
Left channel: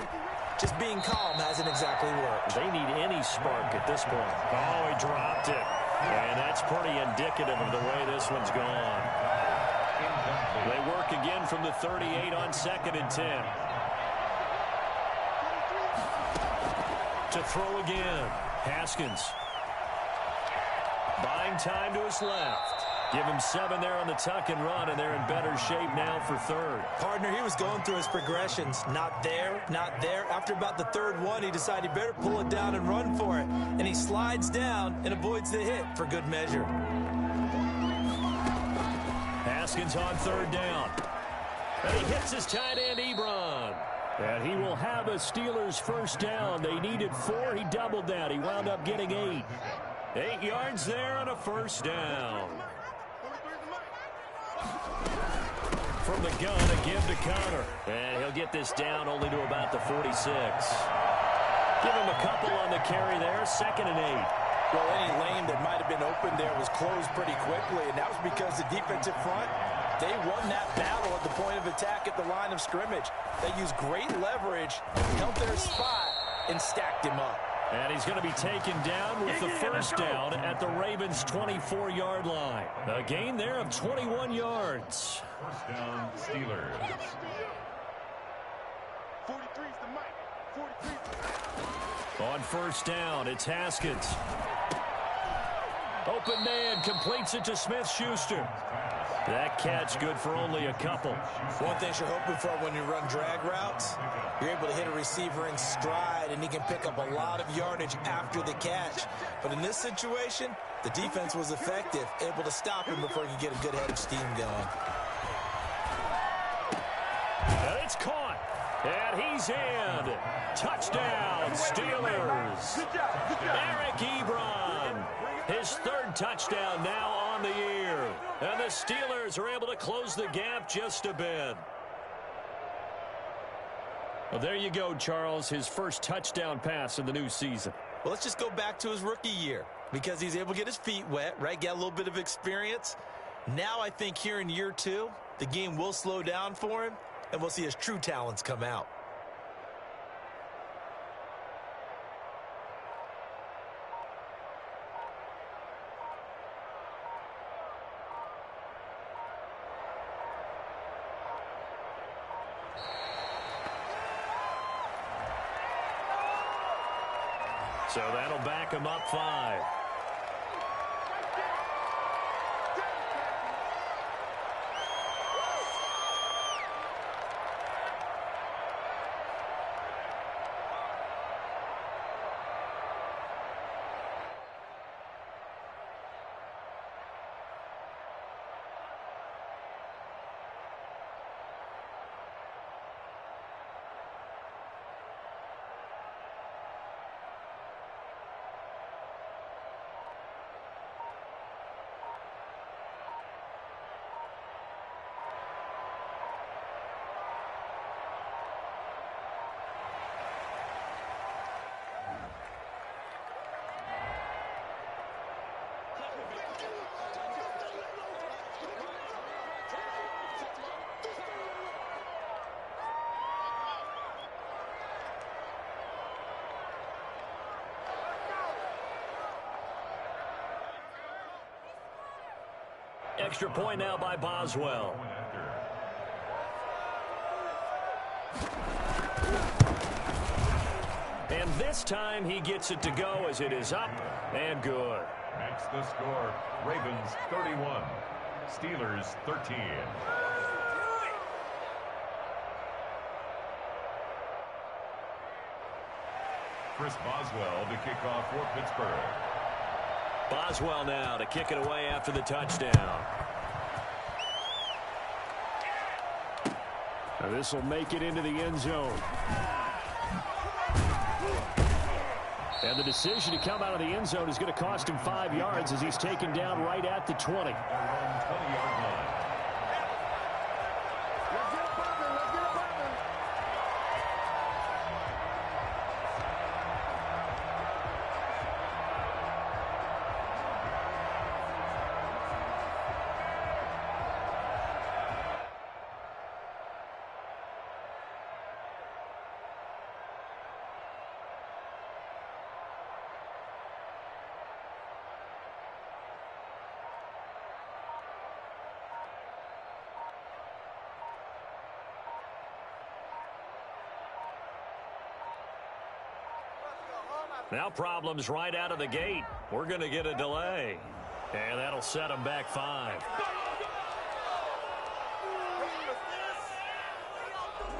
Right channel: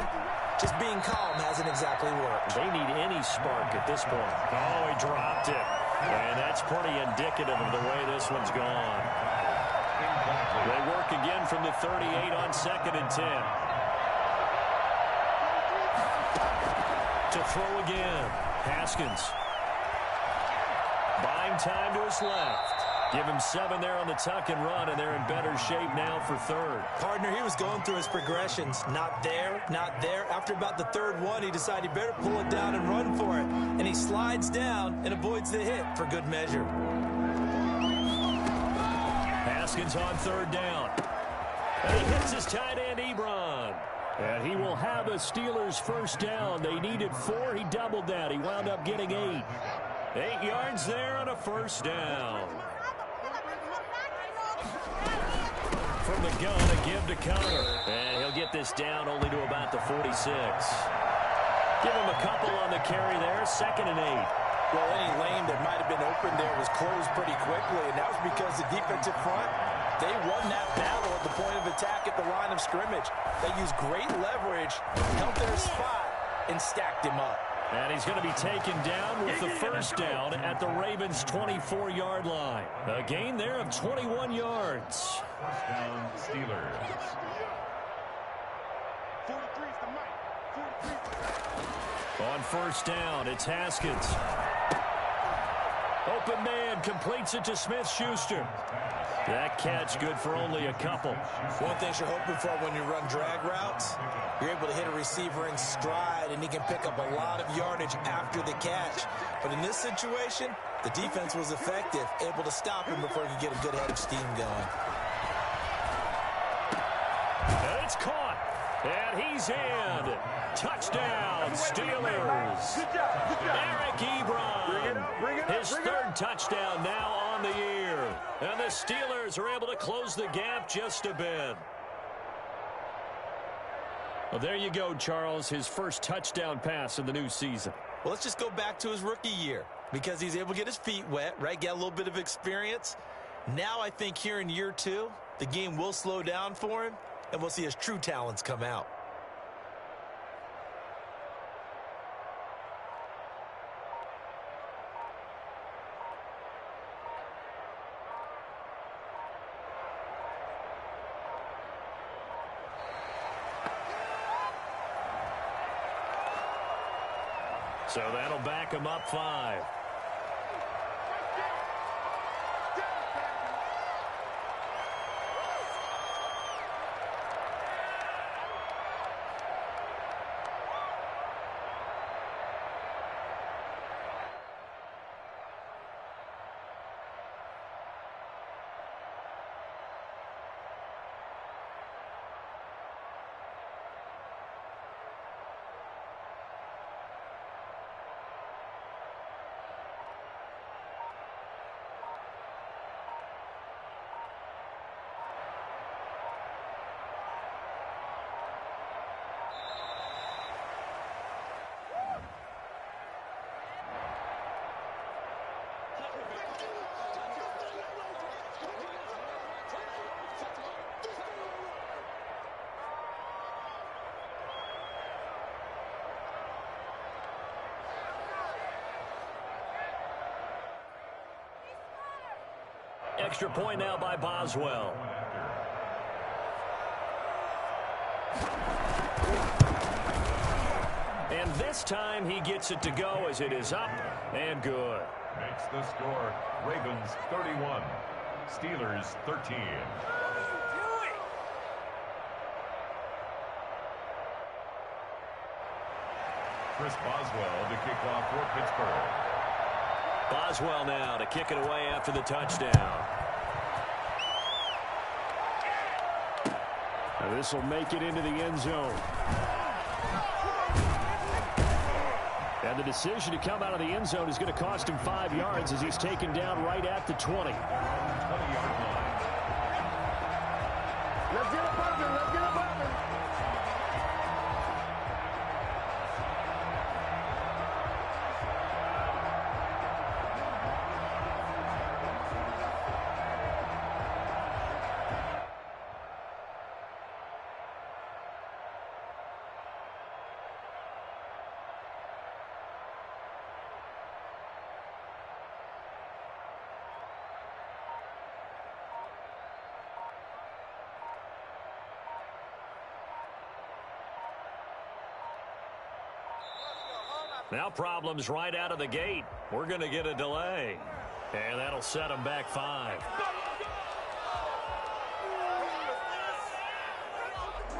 just being calm hasn't exactly worked. They need any spark at this point. Oh, he dropped it. And that's pretty indicative of the way this one's gone. They work again from the 38 on 2nd and 10. To throw again. Haskins. Buying time to his left. Give him 7 there on the tuck and run, and they're in better shape now for 3rd. Partner, he was going through his progressions. Not there, not there. After about the 3rd one, he decided he better pull it down and run for it. And he slides down and avoids the hit for good measure. Haskins on 3rd down. And he hits his tight end, Ebron. And he will have a Steelers first down. They needed 4. He doubled that. He wound up getting 8. 8 yards there on a first down. From the gun, a give to counter. And he'll get this down only to about the 46. Give him a couple on the carry there, 2nd and 8. Well, any lane that might have been open there was closed pretty quickly, and that was because the defensive front, they won that battle at the point of attack at the line of scrimmage. They used great leverage, held their spot, and stacked him up. And he's going to be taken down with the first down at the Ravens' 24-yard line. A gain there of 21 yards. First down, Steelers. 43 is the mic. 43 is the mic. On first down, it's Haskins. Open man completes it to Smith-Schuster. That catch good for only a couple. One thing you're hoping for when you run drag routes, you're able to hit a receiver in stride, and he can pick up a lot of yardage after the catch. But in this situation, the defense was effective, able to stop him before he could get a good head of steam going. And it's caught. And he's in. Touchdown, Steelers. Eric Ebron. His 3rd touchdown now on the year. And the Steelers are able to close the gap just a bit. Well, there you go, Charles. His first touchdown pass of the new season. Well, let's just go back to his rookie year because he's able to get his feet wet, right? Get a little bit of experience. Now I think here in year 2, the game will slow down for him, and we'll see his true talents come out. So that'll back him up 5. Extra point now by Boswell. And this time he gets it to go as it is up and good. Makes the score Ravens 31, Steelers 13. Chris Boswell to kick off for Pittsburgh. Boswell now to kick it away after the touchdown. Now this will make it into the end zone. And the decision to come out of the end zone is going to cost him 5 yards as he's taken down right at the 20. 20-yard line. Let's get up on it. Let's get up on it. Now problems right out of the gate. We're going to get a delay. And that'll set them back 5.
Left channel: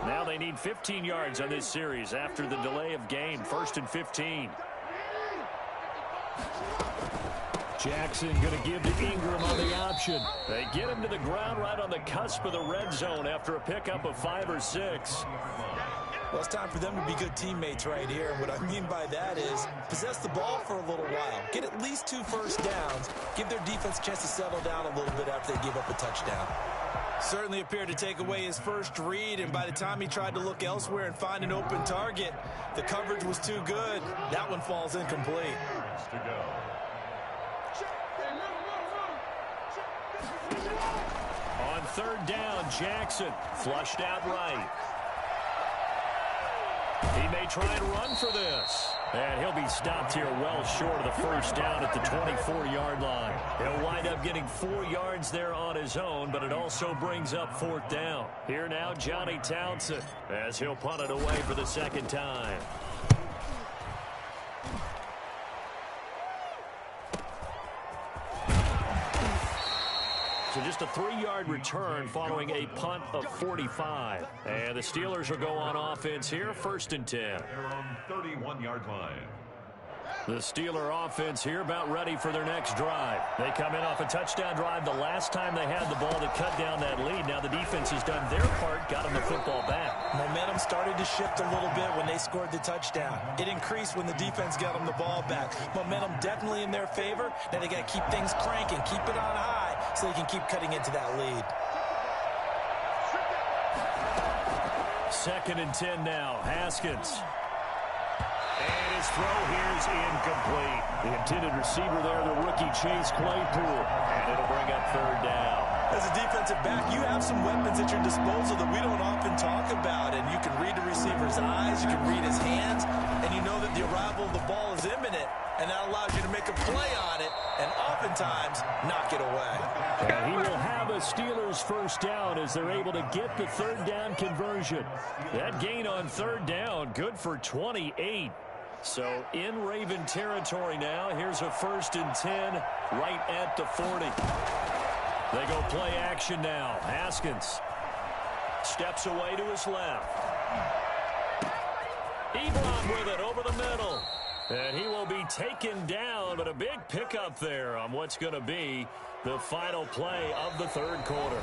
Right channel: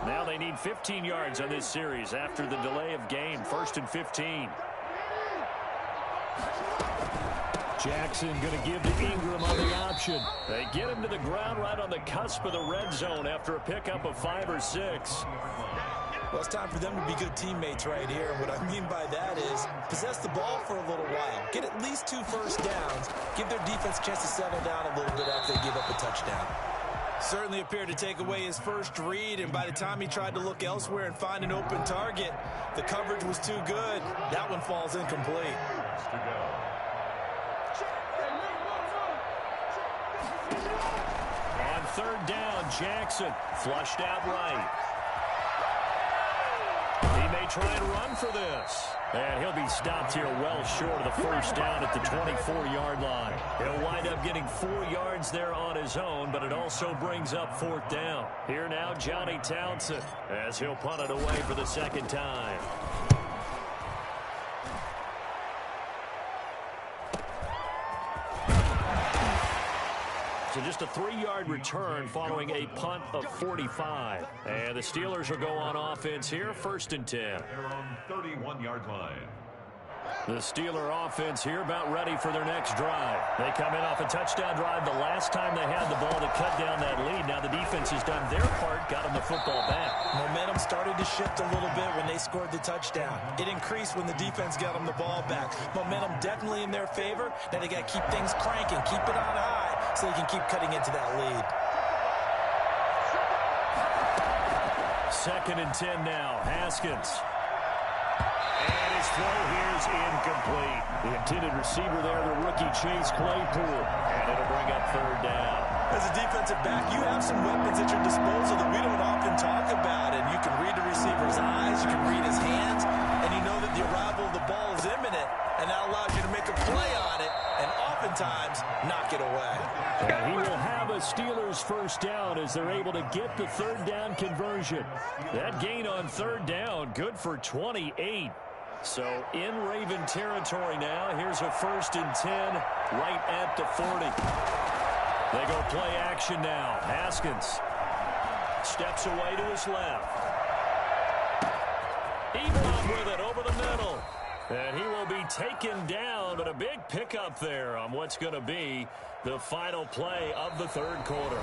Now they need 15 yards on this series after the delay of game. 1st and 15. Jackson going to give to Ingram on the option. They get him to the ground right on the cusp of the red zone after a pickup of 5 or 6. Well, it's time for them to be good teammates right here. And what I mean by that is possess the ball for a little while. Get at least 2 first downs. Give their defense a chance to settle down a little bit after they give up a touchdown. Certainly appeared to take away his first read, and by the time he tried to look elsewhere and find an open target, the coverage was too good. That one falls incomplete. To go. On 3rd down, Jackson flushed out right. He may try and run for this. And he'll be stopped here well short of the first down at the 24-yard line. He'll wind up getting 4 yards there on his own, but it also brings up 4th down. Here now, Johnny Townsend, as he'll punt it away for the 2nd time. So just a 3-yard return following a punt of 45. And the Steelers will go on offense here, 1st and 10. Their own 31-yard line. The Steeler offense here about ready for their next drive. They come in off a touchdown drive the last time they had the ball to cut down that lead. Now the defense has done their part, got them the football back. Momentum started to shift a little bit when they scored the touchdown. It increased when the defense got them the ball back. Momentum definitely in their favor. Now they got to keep things cranking, keep it on high so they can keep cutting into that lead. 2nd and 10 now, Haskins. And his throw here's incomplete. The intended receiver there, the rookie Chase Claypool. And it'll bring up 3rd down. As a defensive back, you have some weapons at your disposal that we don't often talk about. And you can read the receiver's eyes, you can read his hands, and you know that the arrival of the ball is imminent. And that allows you to make a play on it and oftentimes knock it away. And he will have a Steelers 1st down as they're able to get the 3rd down conversion. That gain on 3rd down, good for 28. So in Raven territory now. Here's a 1st and 10 right at the 40. They go play action now. Haskins steps away to his left. Ebron with it over the middle. And he will be taken down, but a big pickup there on what's going to be the final play of the 3rd quarter.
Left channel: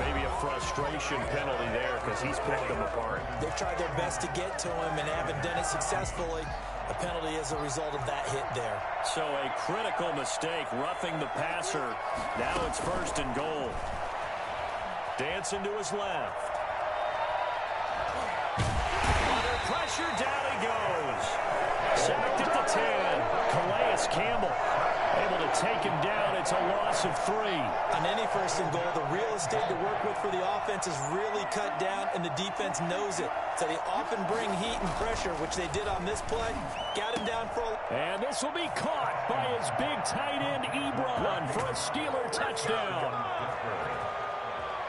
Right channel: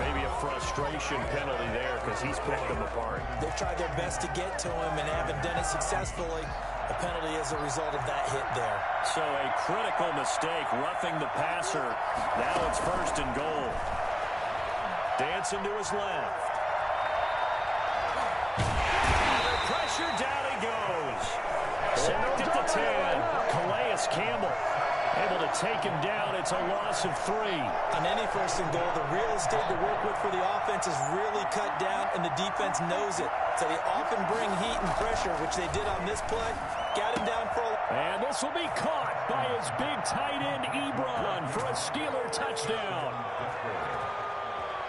Maybe a frustration penalty there because he's picked them apart. They've tried their best to get to him and haven't done it successfully. A penalty as a result of that hit there. So a critical mistake, roughing the passer. Now it's 1st and goal. Dancing to his left. Under pressure, down he goes. Sacked at the 10. Calais Campbell able to take him down. It's a loss of 3. On any 1st and goal, the real estate to work with for the offense is really cut down, and the defense knows it. So they often bring heat and pressure, which they did on this play. Got him down for a... And this will be caught by his big tight end, Ebron, for a Steeler touchdown.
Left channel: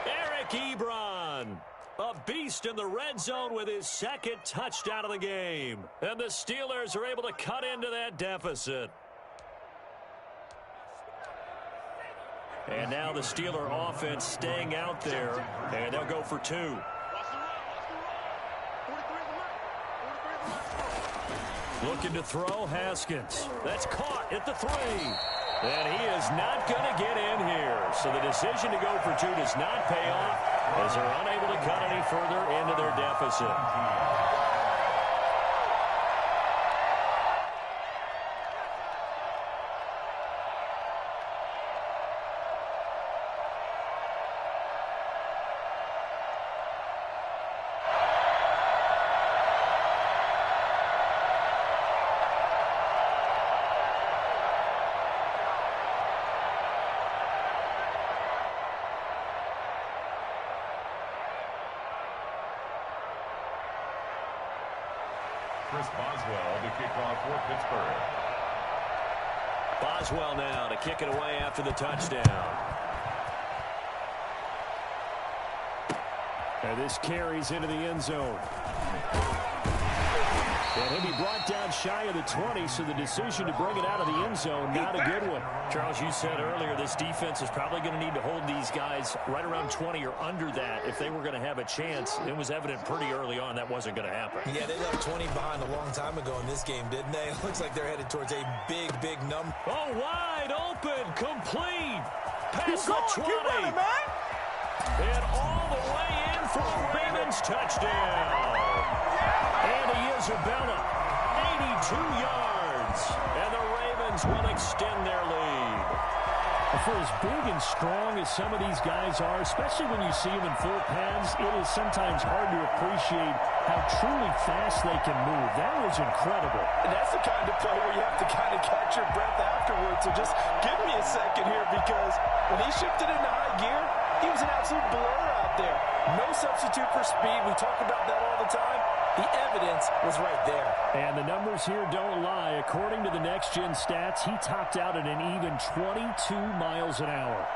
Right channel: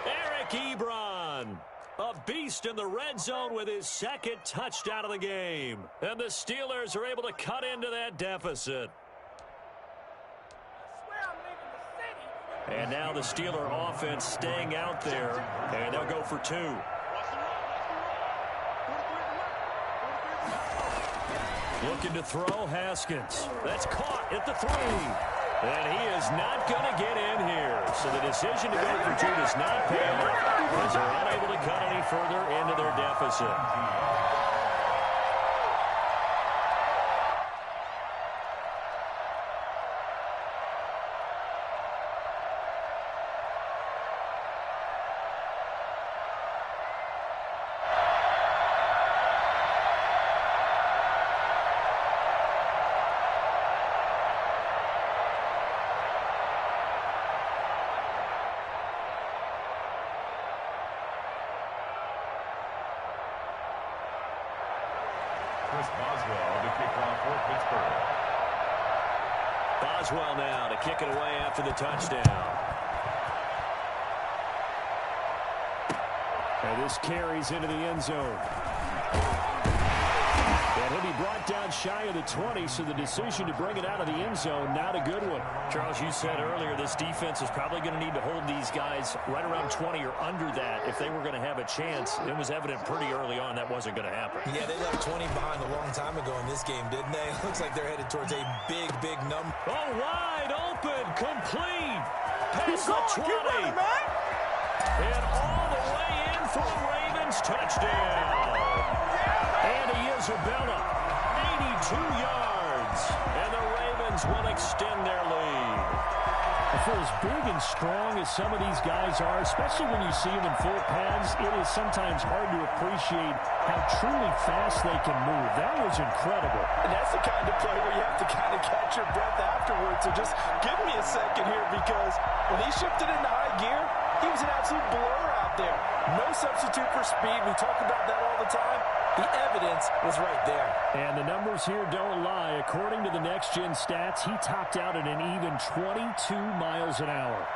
Eric Ebron, a beast in the red zone with his 2nd touchdown of the game. And the Steelers are able to cut into that deficit. And now the Steeler offense staying out there, and they'll go for 2. Looking to throw, Haskins. That's caught at the 3. And he is not going to get in here. So the decision to go for 2 does not pay off as they're unable to cut any further into their deficit. Chris Boswell to kick off for Pittsburgh. Boswell now to kick it away after the touchdown. And this carries into the end zone. And he'll be brought down shy of the 20, so the decision to bring it out of the end zone, not a good one. Charles, you said earlier this defense is probably going to need to hold these guys right around 20 or under that if they were going to have a chance. It was evident pretty early on that wasn't going to happen. Yeah, they left 20 behind a long time ago in this game, didn't they? It looks like they're headed towards a big, big number. Oh, wide open, complete, past the 20. Running, man. And all the way in for a Ravens touchdown. he is, Abella. 82 yards. And the Ravens will extend their lead. For as big and strong as some of these guys are, especially when you see them in full pads, it is sometimes hard to appreciate how truly fast they can move. That was incredible. And that's the kind of play where you have to kind of catch your breath afterwards. So just give me a second here, because when he shifted into high gear, he was an absolute blur out there. No substitute for speed. We talk about that all the time. The evidence was right there. And the numbers here don't lie. According to the next-gen stats, he topped out at an even 22 miles an hour.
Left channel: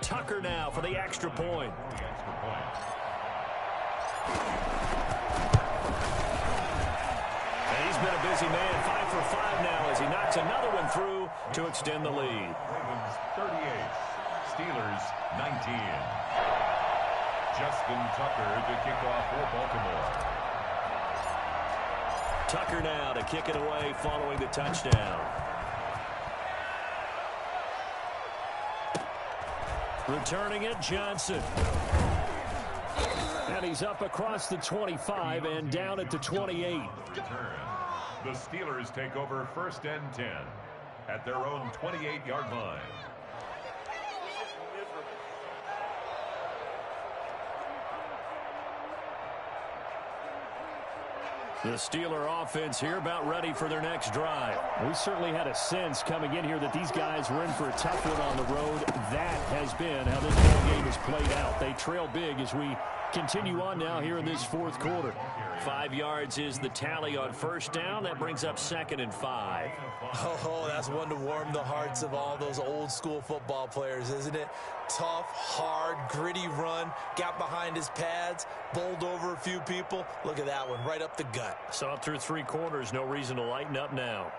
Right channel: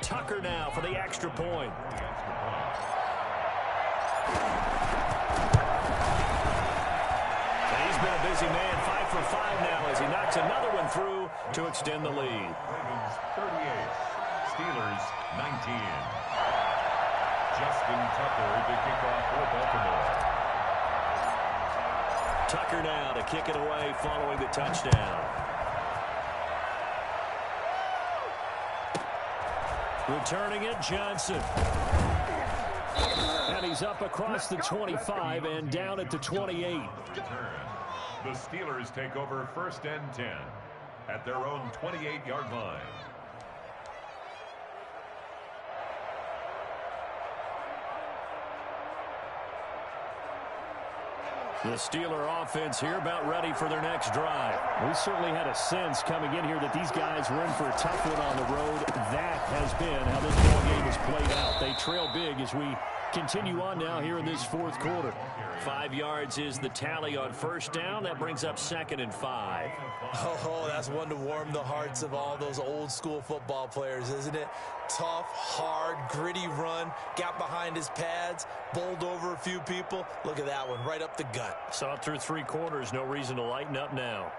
Tucker now for the extra point. And he's been a busy man, 5 for 5 now as he knocks another one through to extend the lead. Ravens 38, Steelers 19. Justin Tucker to kick off for Baltimore. Tucker now to kick it away following the touchdown. Returning it, Johnson. And he's up across the 25 and down at the 28. Return. The Steelers take over 1st and 10 at their own 28-yard line. The Steeler offense here about ready for their next drive. We certainly had a sense coming in here that these guys were in for a tough one on the road. That has been how this ball game has played out. They trail big as we continue on now here in this fourth quarter. 5 yards is the tally on first down. That brings up 2nd and 5. Oh, that's one to warm the hearts of all those old school football players, isn't it? Tough, hard, gritty run, got behind his pads, bowled over a few people. Look at that one, right up the gut. Saw it through 3 quarters, no reason to lighten up now.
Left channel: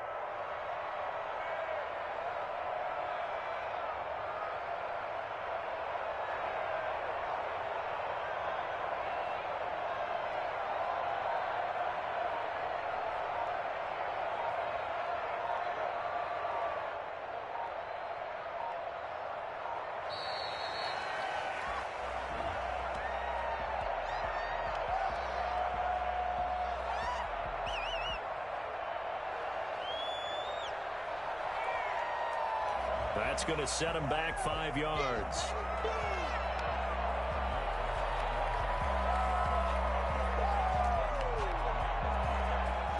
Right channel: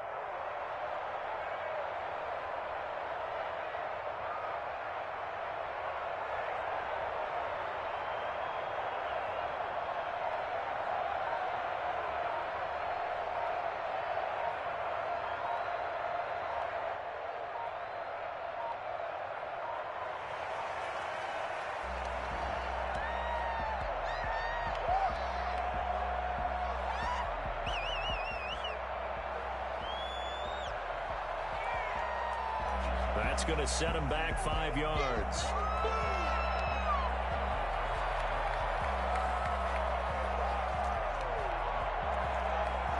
That's going to set him back 5 yards.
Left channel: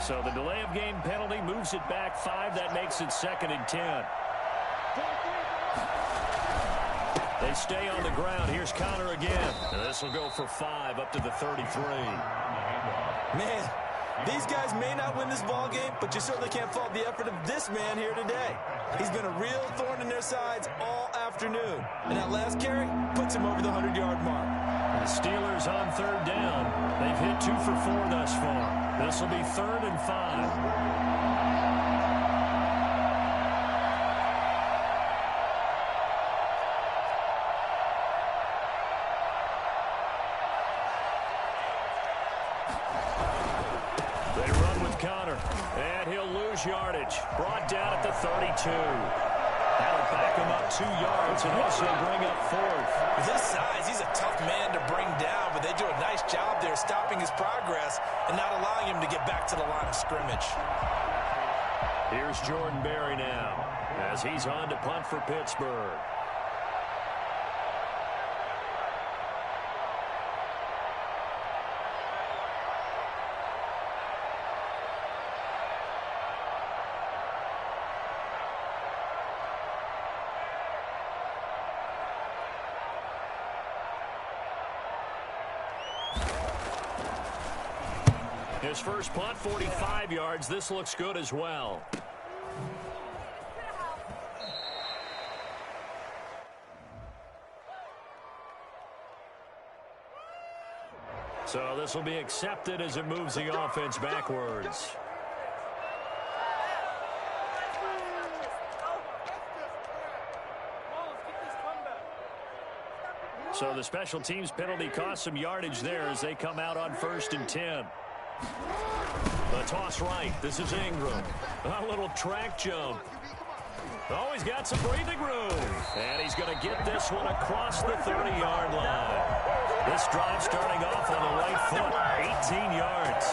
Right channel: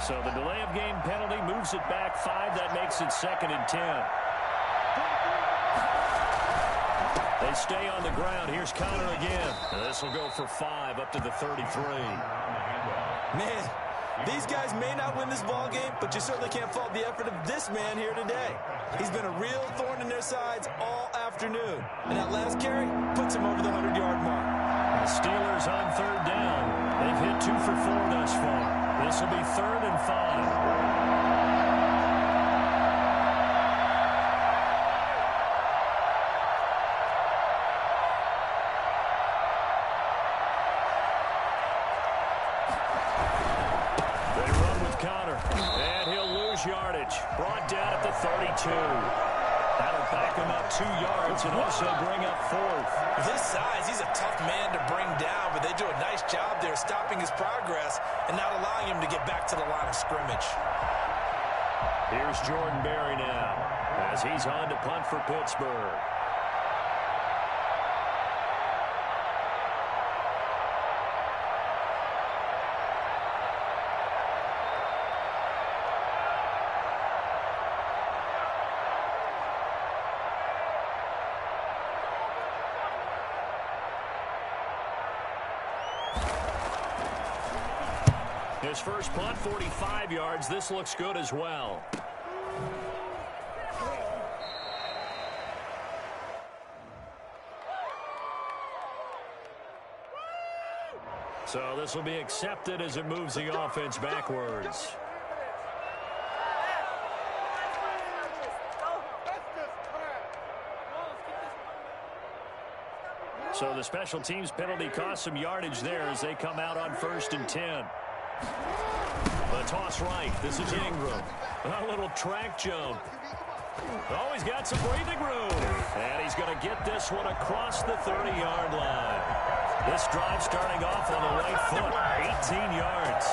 So the delay of game penalty moves it back 5. That makes it 2nd and 10. They stay on the ground. Here's Connor again. This will go for 5 up to the 33. Man, these guys may not win this ball game, but you certainly can't fault the effort of this man here today. He's been a real thorn in their sides all afternoon. And that last carry puts him over the 100-yard mark. The Steelers on 3rd down. They've hit 2 for 4 thus far. This will be 3rd and 5. Connor, and he'll lose yardage. Brought down at the 32. That'll back him up 2 yards and also bring up 4th. With his size, he's a tough man to bring down, but they do a nice job there stopping his progress and not allowing him to get back to the line of scrimmage. Here's Jordan Berry now as he's on to punt for Pittsburgh. His first punt, 45 yards. This looks good as well. So this will be accepted as it moves the offense backwards. So the special teams penalty cost some yardage there as they come out on 1st and 10. The toss right. This is Ingram. A little track jump. Oh, he's got some breathing room. And he's going to get this one across the 30-yard line. This drive starting off on the right foot. 18 yards.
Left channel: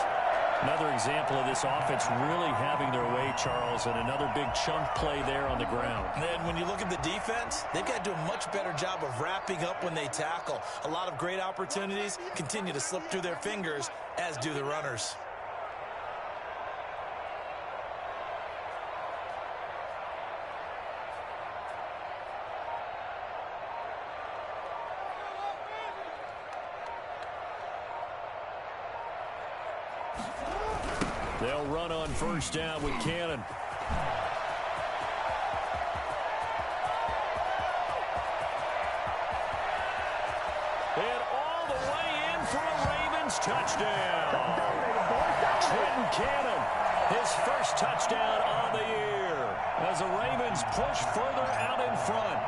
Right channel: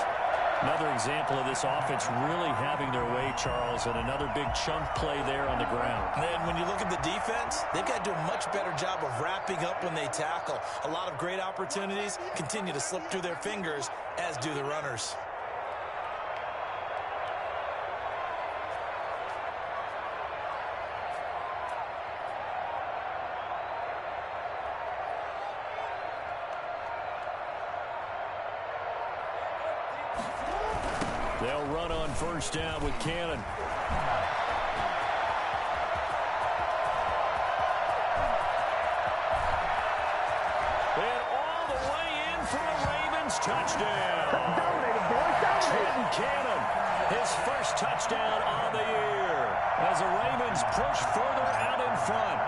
Another example of this offense really having their way, Charles, and another big chunk play there on the ground. And then when you look at the defense, they've got to do a much better job of wrapping up when they tackle. A lot of great opportunities continue to slip through their fingers, as do the runners. They'll run on first down with Cannon. And all the way in for a Ravens touchdown. Trenton Cannon, his first touchdown on the year as the Ravens push further out in front.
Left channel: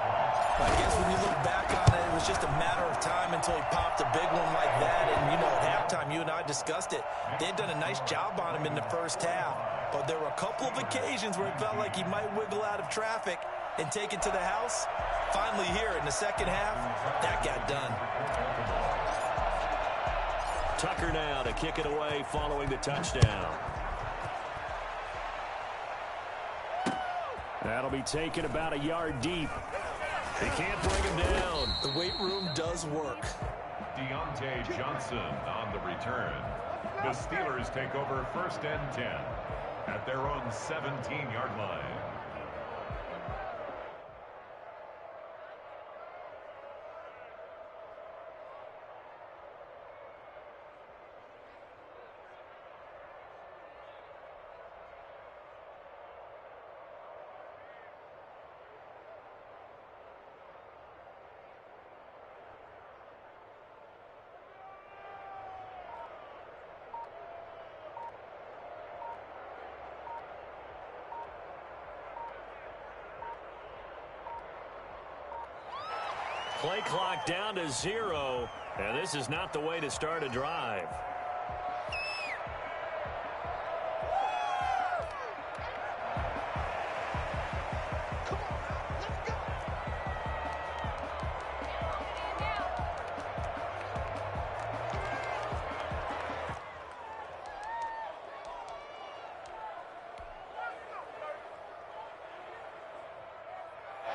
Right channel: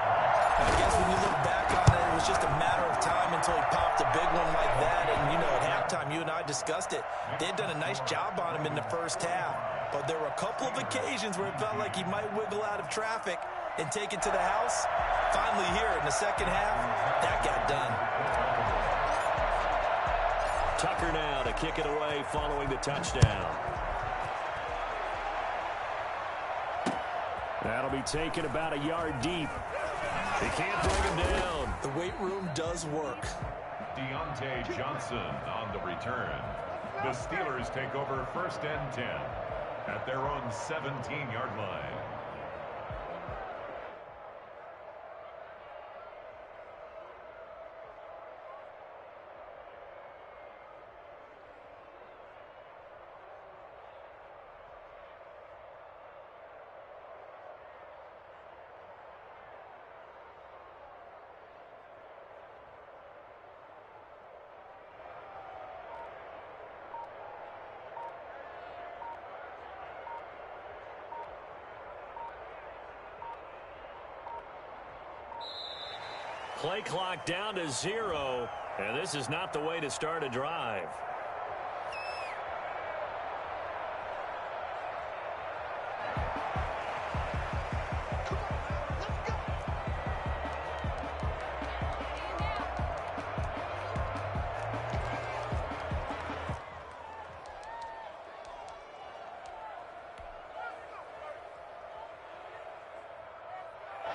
I guess when you look back on it, it was just a matter of time until he popped a big one like that. And, you know, at halftime, you and I discussed it. They'd done a nice job on him in the first half. But there were a couple of occasions where it felt like he might wiggle out of traffic and take it to the house. Finally here in the second half, that got done. Tucker now to kick it away following the touchdown. That'll be taken about a yard deep. They can't bring him down. The weight room does work. Deontay Johnson on the return. The Steelers take over first and 10 at their own 17-yard line. Play clock down to 0, and this is not the way to start a drive.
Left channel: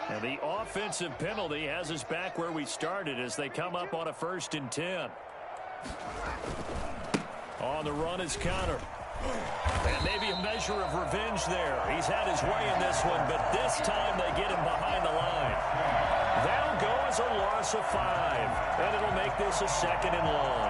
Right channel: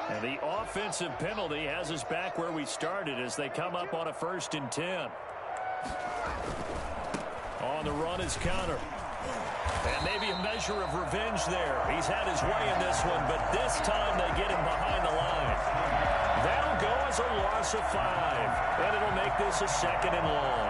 And the offensive penalty has us back where we started as they come up on a 1st and 10. On the run is Connor. And maybe a measure of revenge there. He's had his way in this one, but this time they get him behind the line. That'll go as a loss of 5, and it'll make this a 2nd and long.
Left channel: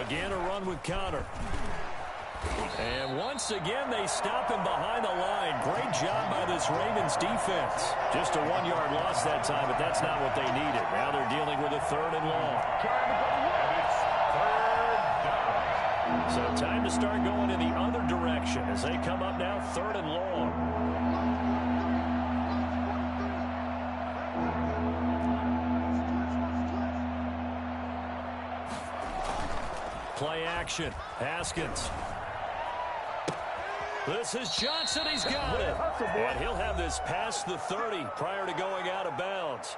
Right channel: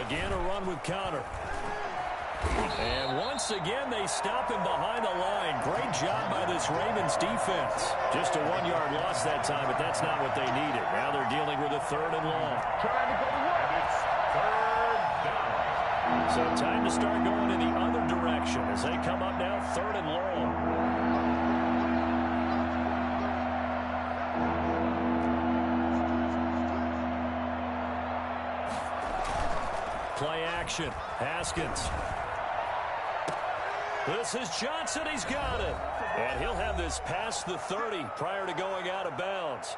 Again, a run with Connor. And once again, they stop him behind the line. Great job by this Ravens defense. Just a 1-yard loss that time, but that's not what they needed. Now they're dealing with a 3rd and long. And it's 3rd down. So time to start going in the other direction as they come up now 3rd and long. Play action. Haskins. This is Johnson. He's got it. And he'll have this past the 30 prior to going out of bounds.